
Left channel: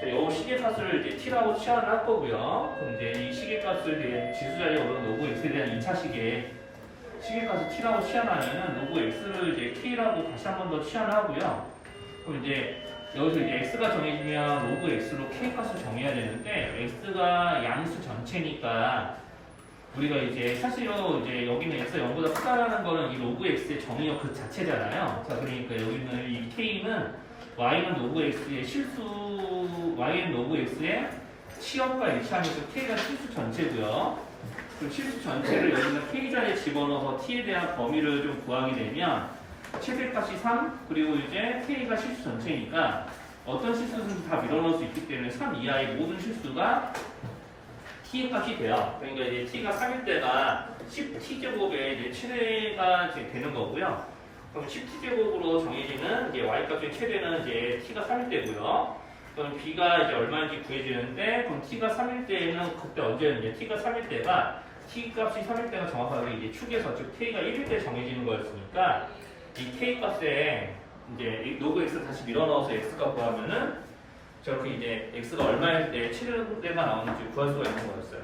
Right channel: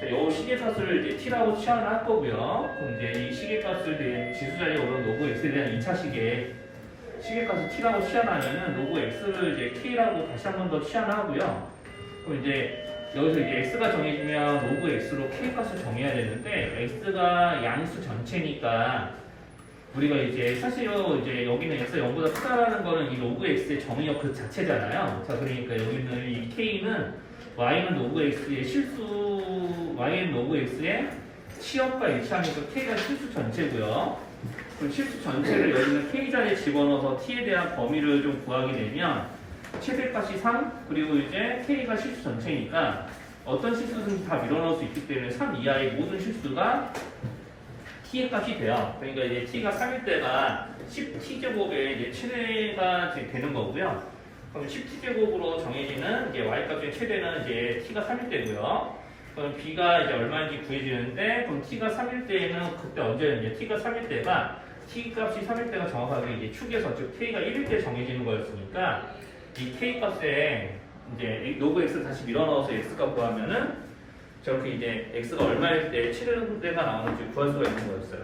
자, 요 시계값을 이제 t라고 치환할 거고요. 그럼 이제 이 시계값을 이제 지수 자리에 오른 로그 x에 대한 2차 시계값을 t라고 치환하면은 로그 x를 이제 k라고 다시 한 번 더 치환하고요. 그럼 이제 여기서 이제 x가 정해지면 로그 x로 k 값을 정해야 되는데 x가 양수 전체니까 우리가 이제 사실은 이제 여기는 x 0보다 크다라는 거는 이 로그 x의 정의역 그 자체잖아요. 자, 그러니까 여기는 이 k는 y는 로그 x의 y는 로그 x의 치역과 일치하면서 k가 실수 전체고요. 그럼 실수 전체를 여기는 k 자리에 집어넣어서 t에 대한 범위를 좀 구하게 되면 최대값이 3 그리고 이제 k가 실수 전체니까 어떤 실수든 다 밀어넣을 수 있기 때문에 3 이하의 모든 실수가 t의 값이 돼요. 그러니까 이제 t가 3일 때가 10t제곱의 이제 최대가 되는 거고요. 그럼 10t제곱으로 정해지는 이제 y 값의 최대는 이제 t가 3일 때고요. 그럼 b가 이제 얼마인지 구해지는데 그럼 t가 3일 때는 그때 언제는 이제 t가 3일 때가 t 값이 3일 때가 정확하게 이제 축에서 즉 k가 1일 때 정해지는 거였으니까 이 k 값에 이제 로그 x 다시 밀어넣어서 x가 구하면은 저렇게 이제 x가 얼마일 때 최대가 나오는지 구할 수가 있는 거였어요.